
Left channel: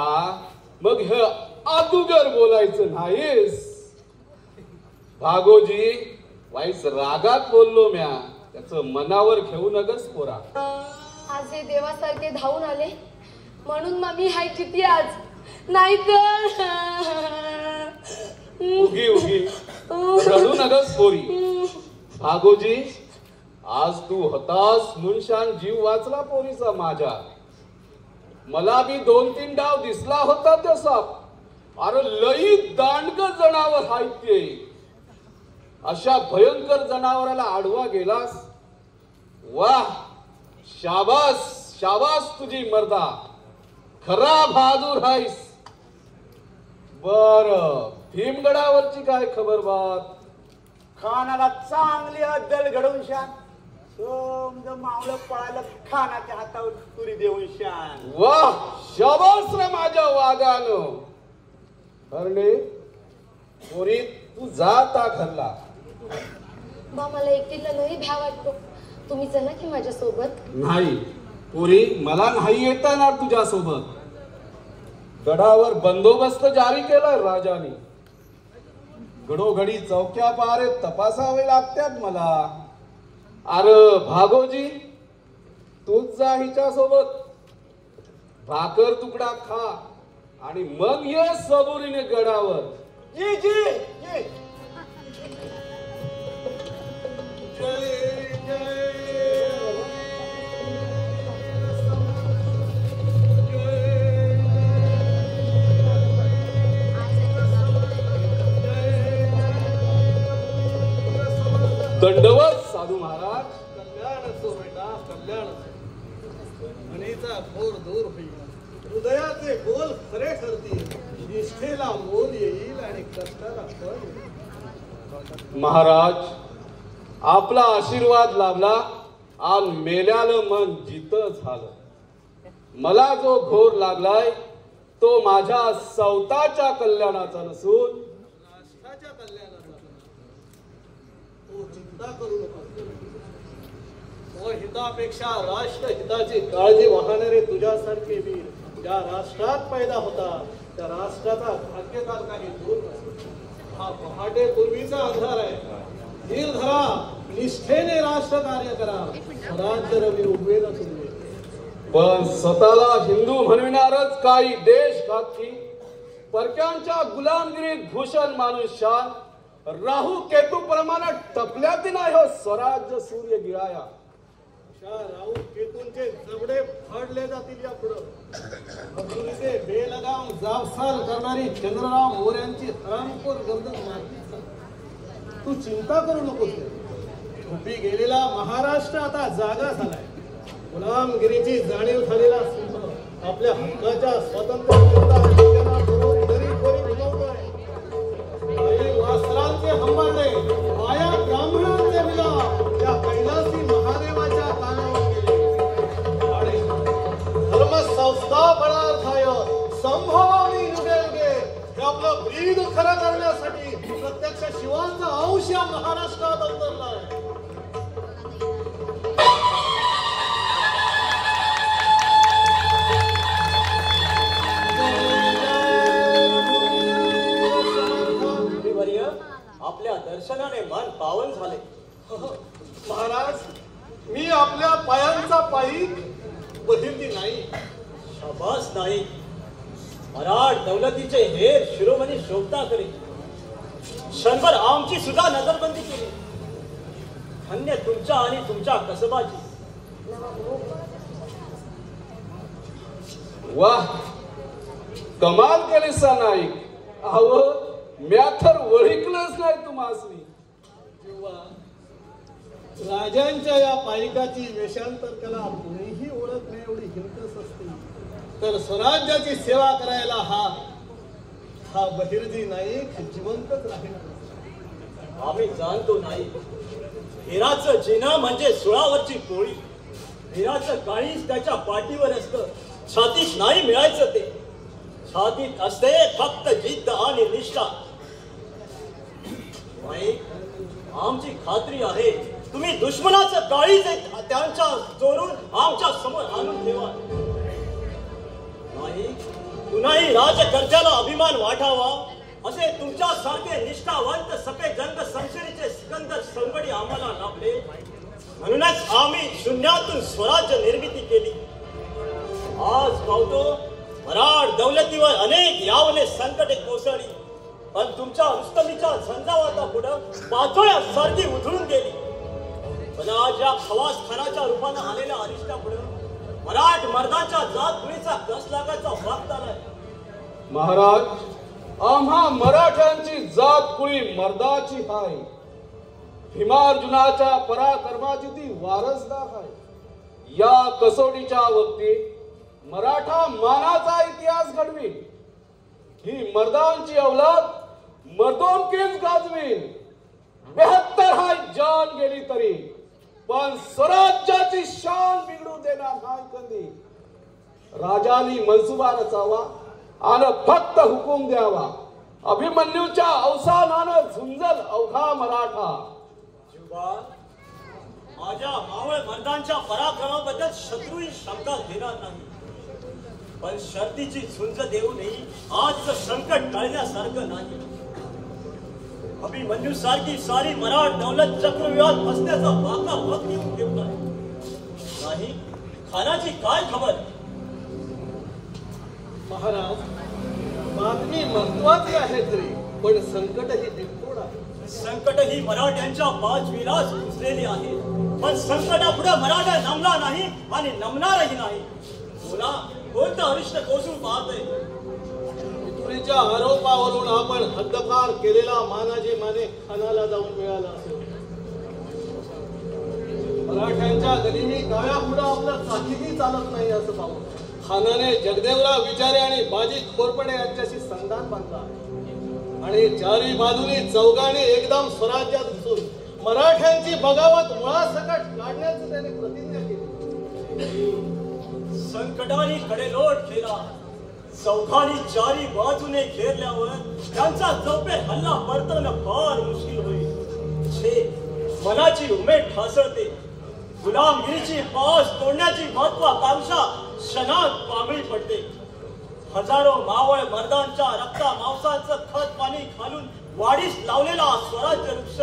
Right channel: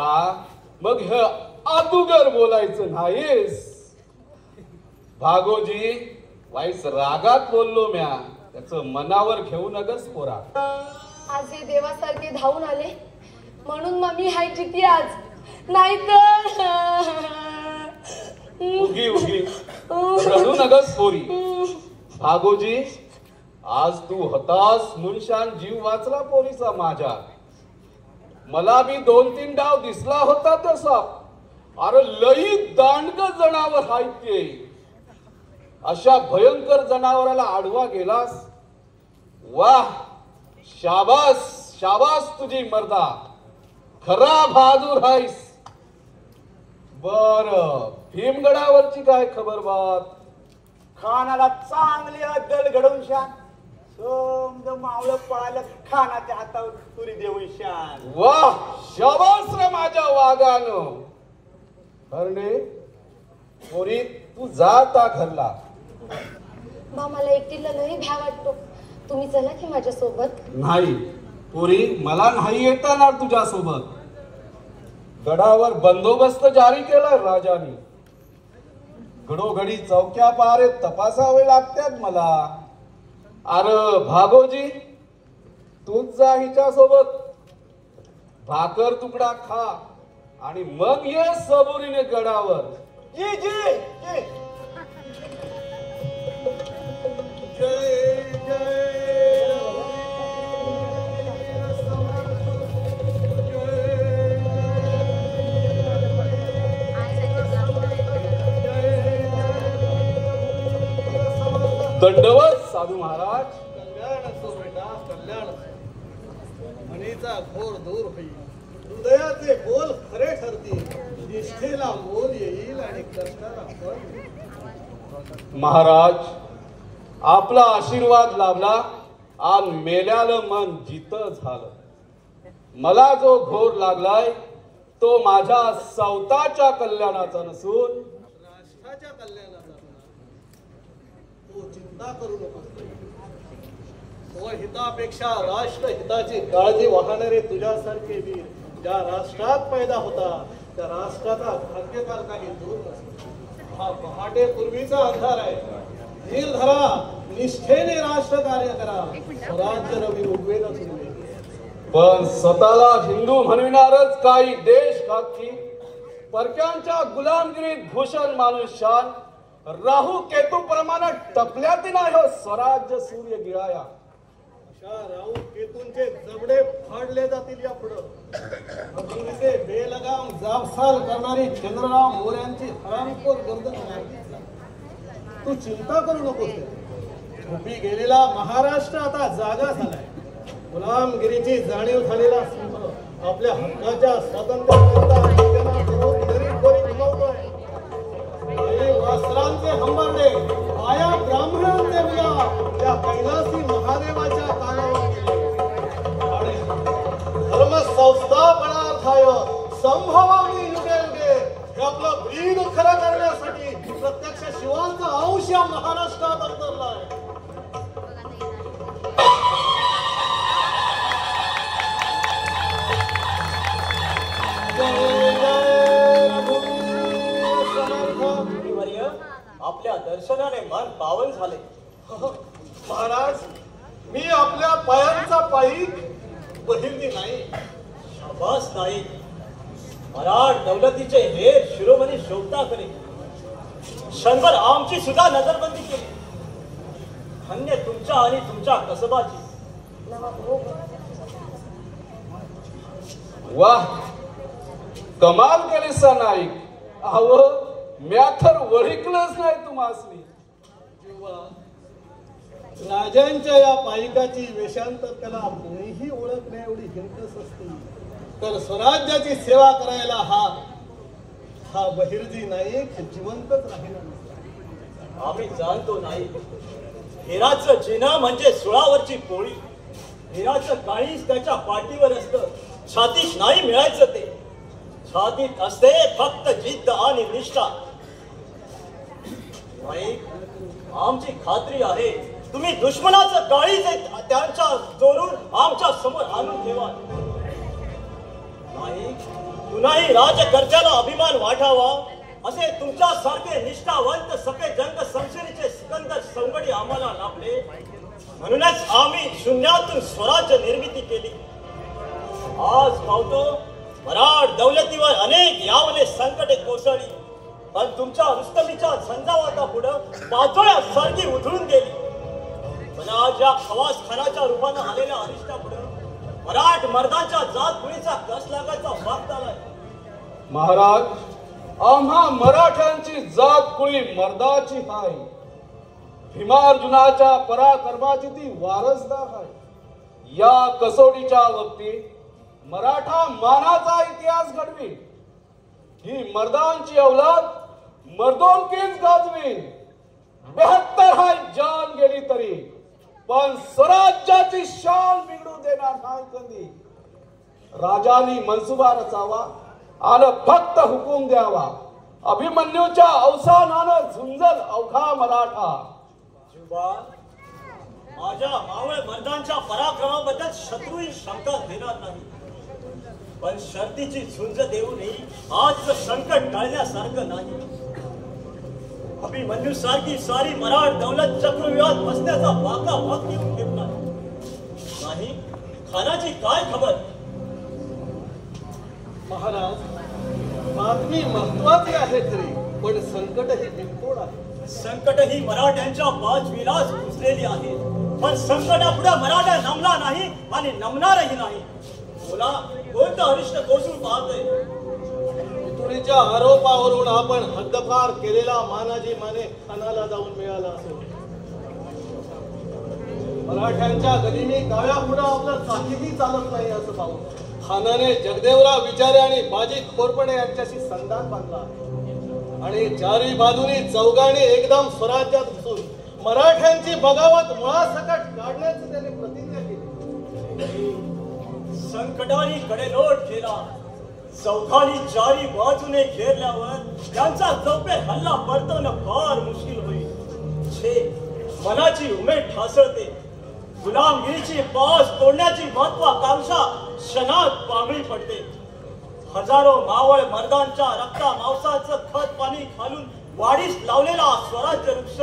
मग हे अदुगर बोलायचं नाहीस. भागोजी वाईस रागात बोललो म्या. त्याचं मनावर घेऊ नकस पोरा. आज हे देवासारखे धावून आले म्हणून मम्मी हाय जिती आज. नाहीतर उगी उगी रडू नकस पोरी. भागोजी आज तू हताश मुनशान जीव वाचला पोरीचा माझ्या. मला बी 2-3 डाव दिसला होता तसा. अरे लई दांडग जनावर हाय ते. अशा भयंकर जनावराला आडवा गेलास. वाह, शाबास शाबास तुझी मर्दा, खरा बहादूर हायस. बर, भीमगडावरची काय खबर बात? खानाला चांगली अद्दल घडवून शान, समज मावळं पळालं खानाच्या हातावर पुरी देऊन शान. वाह, शाबास रे माझ्या वाघानं. भरणे पोरी, तू जाता घरला. मला एकटीला लई भ्या वाटतो. तुम्ही चला की माझ्या सोबत. नाही पोरी, मला नाही येता येणार तुझ्या सोबत. गडावर बंदोबस्त जारी केलाय राजाने. घडोघडी चौक्या पारे तपासावे लागतात मला. अरे भागोजी, तूच जा हिच्या सोबत. भाकर तुकडा खा आणि मग ये सबुरीने गडावर. जी जी जी. जय जय दंडवत साधू महाराज. कल्याण असो बेटा, कल्याण असो. म्हणीचा घोर दूर होईल, हृदयाचे बोल खरे ठरतील, निष्ठेला मोल येईल आणि कष्टाला फळ मिळेल. महाराज, आपला आशीर्वाद लाभला आणि मेल्यालं मन जित झालं. मला जो घोर लागलाय तो माझ्या स्वतःच्या कल्याणाचा नसून राष्ट्राच्या कल्याणाचा होणार. तो चिंता करू नको. तो हितापेक्षा राष्ट्र हिताची काळजी वाहणारे तुझ्यासारखे वीर ज्या राष्ट्रात पैदा होता त्या राष्ट्राचा भाग्यकाल काही दूर नसतो. हा पहाटे पूर्वीचा अंधार आहे. धीर धरा, निष्ठेने राष्ट्र कार्य करा, स्वराज्य रवी उगवेलच उगवेल. पण स्वतःला हिंदू म्हणविणारच काही देशघातकी परक्यांच्या गुलामगिरीत भूषण मानून शान राहू केतू प्रमाणे टपल्यात नाही हो स्वराज्य सूर्य गिळाया. अशा राहू केतूंचे जबडे फाडले जातील यापुढं. तुझे बेलगाम जाबसाल करणारी चंद्रराव मोऱ्यांची हरामखोर गर्दन मारली. तू चिंता करू नकोस. झोपी गेलेला महाराष्ट्र आता जागा झालाय. गुलामगिरीची जाणीव झालेला सिंह आपल्या हक्काच्या वासरांचे हंबरडे माया ब्राह्मणांचे मिळा त्या कैलासी महादेवाच्या कानावर गेले. आणि धर्मसंस्था बळार्थाय संभवामी युगे युगे हे आपलं ब्रीद खरं करण्यासाठी प्रत्यक्ष शिवाचा अंश या महाराष्ट्रात अवतरलाय. आपल्या दर्शनाने मन पावन झाले. महाराज, मी आपल्या पायांचा पायी बहिर्दी नाही. शाबास नाही. मराठ दौलतीचे हे शिरोमणी शोभता करे. क्षणभर आमची सुद्धा नजरबंदी केली. धन्य तुमच्या आणि तुमच्या कसबाची. वाह, कमाल केलीसा नाईक. अहो, म्या तर ओळखलंच नाही तुम्हासनी. राजांच्या या पायिकाची वेशांतर कला कुणीही ओळखणे एवढी हिरकस असते तर स्वराज्याची सेवा करायला हा बहिर्जी नाईक जिवंतच राहिला. आम्ही जाणतो नाही. हिराचं जिना म्हणजे सुळावरची पोळी. हिराचं काळीच त्याच्या पाठीवर असतं. छातीत नाही मिळायचं ते. छातीत असते फक्त जिद्द आणि निष्ठा. आमची खात्री आहे तुम्ही दुश्मनाचं काळीज त्यांच्या चोरून आमच्या समोर आणून ठेवा. नाही, कुणाही राजकर्त्याला अभिमान वाटावा असे तुमच्यासारखे निष्ठावंत सफे जंग समशेरीचे सिकंदर संगडी आम्हाला लाभले. म्हणूनच आम्ही शून्यातून स्वराज्य निर्मिती केली. आज पाहतो मराठ दौलतीवर अनेक यावने संकटे कोसळली. पण तुमच्या रुस्तमीच्या झंझावाता पुढं पाचोळ्या सारखी उधळून गेली. पण आज या खवास खानाच्या रूपानं आलेल्या अरिष्टा पुढे मराठ मर्दांच्या जात मुळीचा कस लागायचा वागत आलाय. महाराज आम्हा मराठ्यांची जात कुळी मर्दाची हाय. भीमार्जुनाच्या पराक्रमाची ती वारसदार आहे. या कसोटीच्या बाबतीत मराठा मानाचा इतिहास घडवी. ही मर्दांची अवलाद मर्दोनकीच गाजवीन. 72 हाय जान गेली तरी पण स्वराज्याची शान बिघडू देणार नाही कधी. राजांनी मनसुबा रचावा आणि फक्त हुकूम द्यावा. अभिमन्यूच्या अवसानानं झुंजल अवघा मराठा. जुबा, माझ्या मावळ मर्दांच्या पराक्रमाबद्दल शत्रूही शंका घेणार नाही. पण शर्तीची झुंज देऊ नये आजचं संकट टाळण्यासारखं नाही. अभिमन्यू सारखी सारी मराठ दौलत चक्रव्यूहात बसण्याचा वाका वाक येऊन ठेवलाय. नाही खानाची काय खबर? महाराज, बातमी महत्वाची आहे खरी, पण संकट ही बिनपोड आहे. संकट ही मराठ्यांच्या बाजवीलाच घुसलेली आहे. पण संकटापुढे मराठा नमला नाही आणि नमणारही नाही. बोला, कोणतं अरिष्ट कोसून पाहतोय? पितुरीच्या आरोपावरून आपण हद्दपार केलेला मानाजी माने खानाला जाऊन मिळाला असेल. मराठ्यांच्या गनिमी काव्यापुढे आपलं काहीही चालत नाही असं पाहून खानाने जगदेवराव विचारे आणि बाजी खोरपडे यांच्याशी संधान बांधला आणि चारी बाजूनी चौघाने एकदम स्वराज्यात घुसून मराठ्यांची बगावत मुळासकट काढण्याची त्याने प्रतिज्ञा केली. संकटाने कडेलोट केला. चौघांनी चारी बाजूने घेरल्यावर त्यांचा चौफेर हल्ला परतवणं फार मुश्किल होईल. छे, मनाची उमेद ठासळते. गुलामगिरीची पास तोडण्याची महत्वाकांक्षा क्षणात पांगळी पडते. हजारो मावळ मर्दांच्या रक्ता मांसाचं खत पाणी घालून वाढीस लावलेला स्वराज्य वृक्ष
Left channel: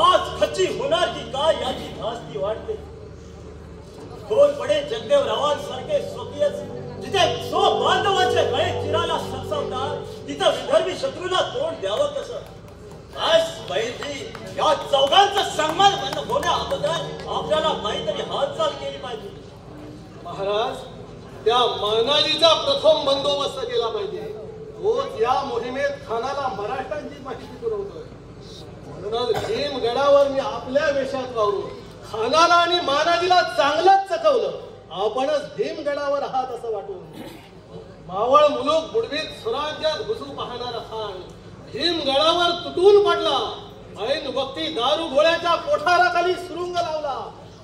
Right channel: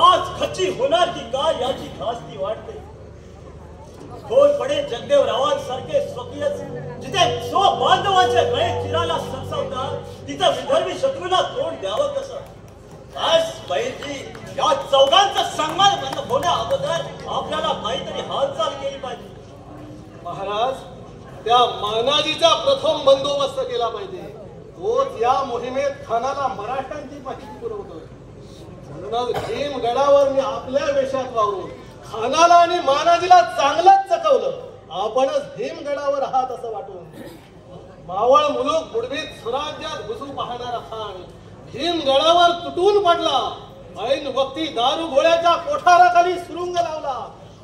आज खच्ची होणार की काय याची धास्ती वाटते. खोरपडे जगदेवरावांसारखे स्वकीयच जिथे सो बांधवांचे गळे चिराला सरसावतात तिथं विदर्भी शत्रूला तोंड द्यावं कसं? बस बैजी, या चौघांचा सन्मान होण्या अगोदर आपल्याला काहीतरी हालचाल केली पाहिजे. महाराज, त्या मानाजीचा प्रथम बंदोबस्त केला पाहिजे. तोच या मोहिमेत खानाला मराठ्यांची माहिती पुरवतोय. म्हणूनच भीमगडावर मी आपल्या वेशात वावरून खानाला आणि मानाजीला चांगलंच चकवलं. आपणच भीमगडावर आहात असं वाटून मावळ मुलूक बुडवीत स्वराज्यात घुसू पाहणारा खान भीमगडावर तुटून पडला. ऐन वक्ती दारू गोळ्याच्या कोठाराखाली सुरुंग लावला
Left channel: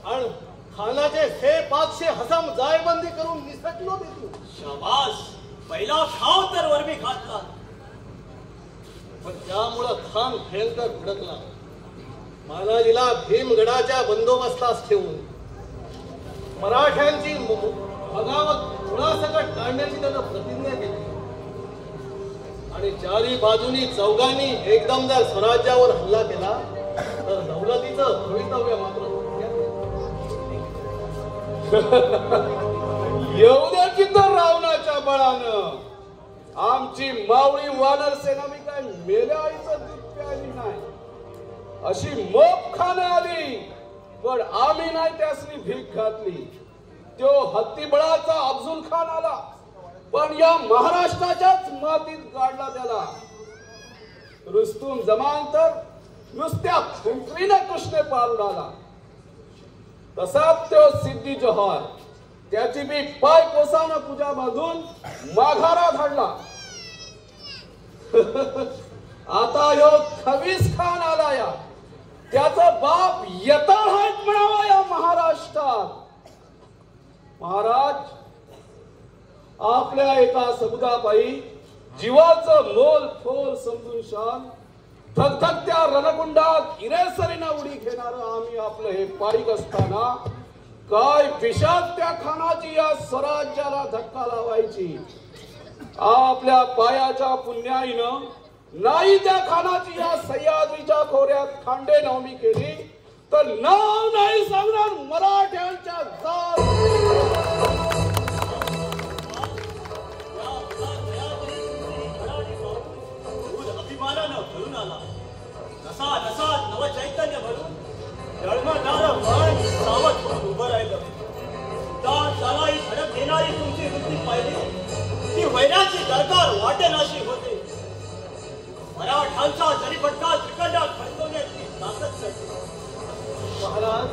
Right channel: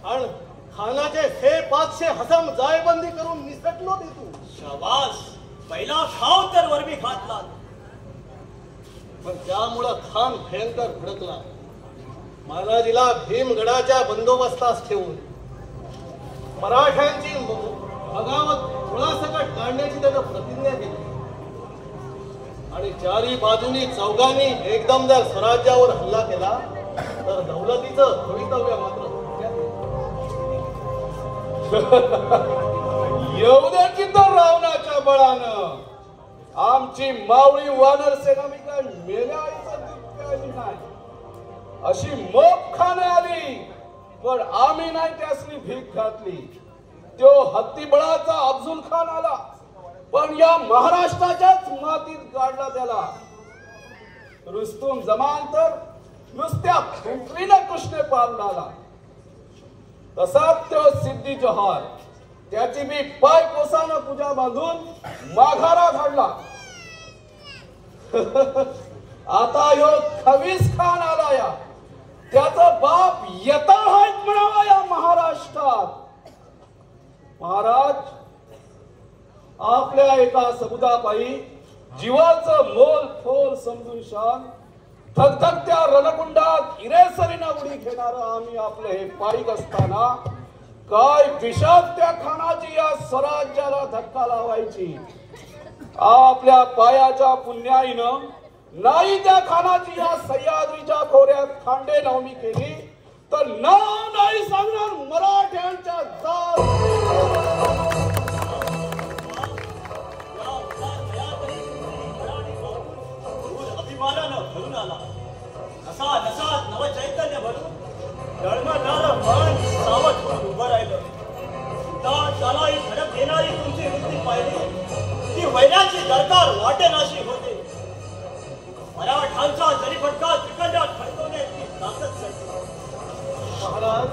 आणि खानाचे 500 हसम जायबंदी करून निसटलो देतो. शाबास, पहिला खाव तर वरमी घातला. पण त्यामुळं खान भयंकर भडकला. मानाजीला भीमगडाच्या बंदोबस्तास ठेवून मराठ्यांची बगावत मुळासकट काढण्याची त्यानं प्रतिज्ञा केली आणि चारी बाजूनी चौघांनी एकदम जर स्वराज्यावर हल्ला केला तर दौलतीचं भवितव्य मात्र एवढ्याची तर रावणाच्या बळानं आमची मावळी वानर सेना मी काय मेल्या आईचं दूध प्यायली नाही. अशी मोप खाणे आली पण आम्ही नाही त्यासनी भीक घातली. तो हत्तीबळाचा अफजुल खान आला पण या महाराष्ट्राच्याच मातीत काढला त्याला. रुस्तुम जमान तर नुसत्या फिंकरीने कृष्णे पारून आला. तसाच तो सिद्धी जोहर त्याची बी पाय कोसानं पूजा बांधून माघारा धाडला. आता ह्यो खवीस खान आला या त्याचा बाप येताळ आहेत म्हणावा या महाराष्ट्रात. महाराज, आपल्या एका सबुदापायी जीवाचं मोल फोल समजून शान धगधगत्या रणकुंडात इरेसरीनं उडी घेणारं आम्ही आपलं हे पायीक असताना काय विषाद त्या खानाची या स्वराज्याला धक्का लावायची. आपल्या पायाच्या पुण्याईनं नाही त्या खानाची या सह्याद्रीच्या खोऱ्यात खांडे नवमी केली तर नाव नाही सांगणार मराठ्यांच्या अभिमानानं भरून आला. नसा नसात नव चैतन्य भरून जळमळणारं मन सावध होऊन उभं राहिलं. त्यालाही धडक देणारी तुमची वृत्ती पाहिली ती वैराची दरकार वाटेनाशी होते. मराठांचा जरीपटका तिकडल्या खडकवण्याची ताकद चढते. महाराज,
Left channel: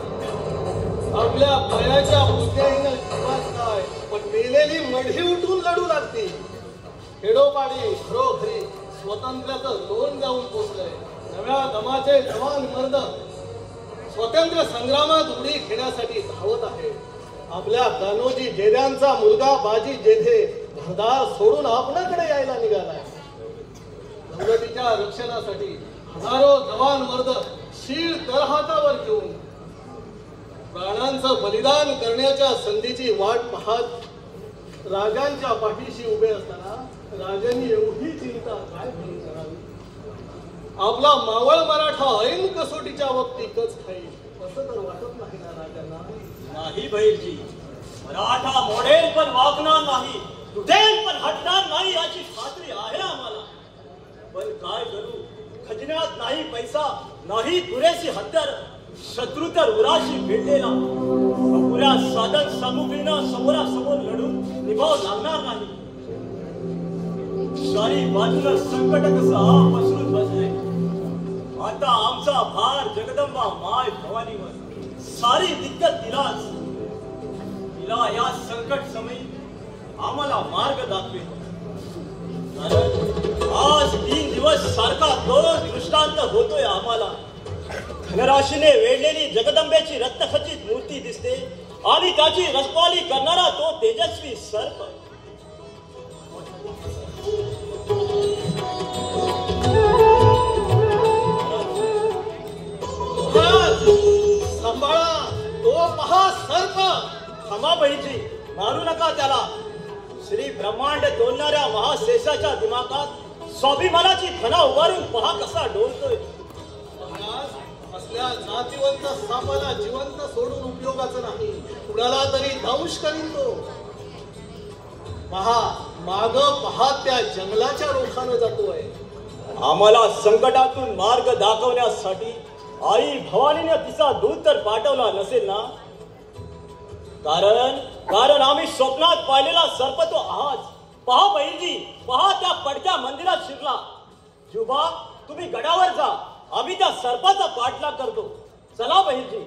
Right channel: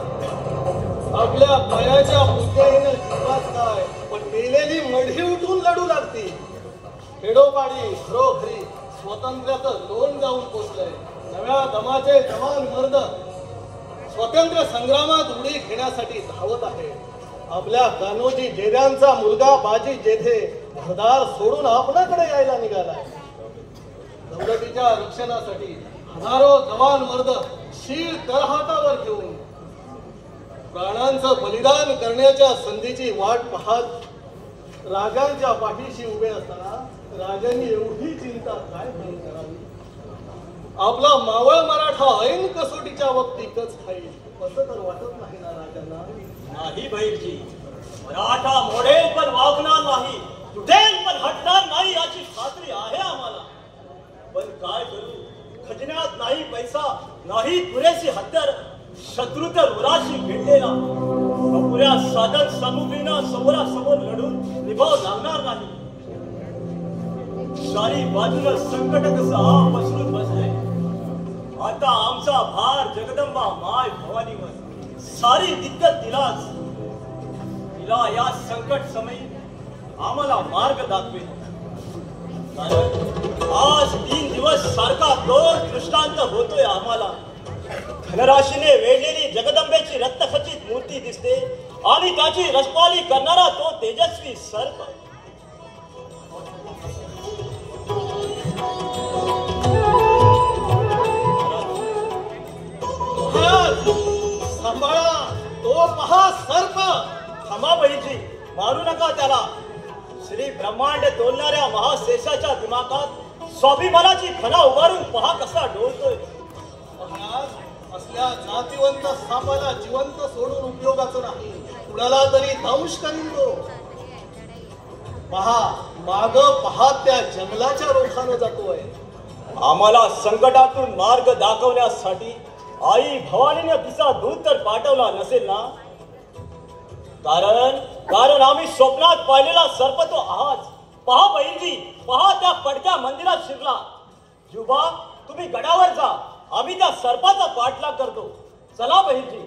आपल्या पायाच्या मुद्द्याहीनं किंवाच काय पण मेलेली मढी उठून लढू लागते. खेडोपाडी घरोघरी स्वातंत्र्याचं लोण जाऊन पोचलंय. नव्या दमाचे जवान मर्द स्वातंत्र्य संग्रामात उडी घेण्यासाठी धावत आहे. आपल्या कान्होजी जेध्यांचा मुलगा बाजी जेधे घरदार सोडून आपणाकडे यायला निघालाय. दौलतीच्या रक्षणासाठी हजारो जवान मर्द शीळ तळहातावर घेऊन प्राणांचं बलिदान करण्याच्या संधीची वाट पाहत राजांच्या पाठीशी उभे असताना राजांनी एवढी चिंता काय घेऊन करावी. आपला मावळ मराठा ऐन कसोटीच्या वक्ती कच खाईल असं तर वाटत नाही ना राजांना. नाही भैरजी, मराठा मोडेल पण वागणार नाही, तुटेल पण हटणार नाही याची खात्री आहे आम्हाला. पण काय करू, खजिन्यात नाही पैसा, नाही पुरेशी हत्यार, शत्रू तर उराशी भिडलेला. अपुऱ्या साधन सामुग्रीनं समोरासमोर लढून निभाव लागणार नाही. सारी बाजूला संकट कसं पसरून बसले. आता आमचा भार जगदंबा माय भवानीवर, सारी दिक्कत तिलाच. तिला या संकट समयी आम्हाला मार्ग दाखवेल. आज 3 दिवस सारखा दोष दृष्टांत होतोय आम्हाला. धनराशीने वेढलेली जगदंबेची रक्तखचित मूर्ती दिसते आणि त्याची रसपाली करणारा तो तेजस्वी सर्प. सांभाळा, तो पहा सर्प. क्षमा बहिणी, मारू नका त्याला. श्री ब्रह्मांड तोलणाऱ्या महाशेषाच्या दिमागात स्वाभिमानाची फणा उभारून पहा कसा डोलतोय. महाराज, असल्या नातिवंत सापाला जिवंत सोडून उपयोगाचं नाही. कुणाला तरी दंश करीन तो. पहा, माग पहा त्या जंगलाच्या रोखानं जातोय. आम्हाला संकटातून मार्ग दाखवण्यासाठी आई भवानीने तिचा दूत तर पाठवला नसेल ना. कारण आम्ही स्वप्नात पाहिलेला सर्प तो आहात. पहा बहिणजी, पहा त्या पडक्या मंदिरात शिरला. जुबा, तुम्ही गडावर जा, आम्ही त्या सर्पाचा पाठलाग करतो. चला बहिणजी.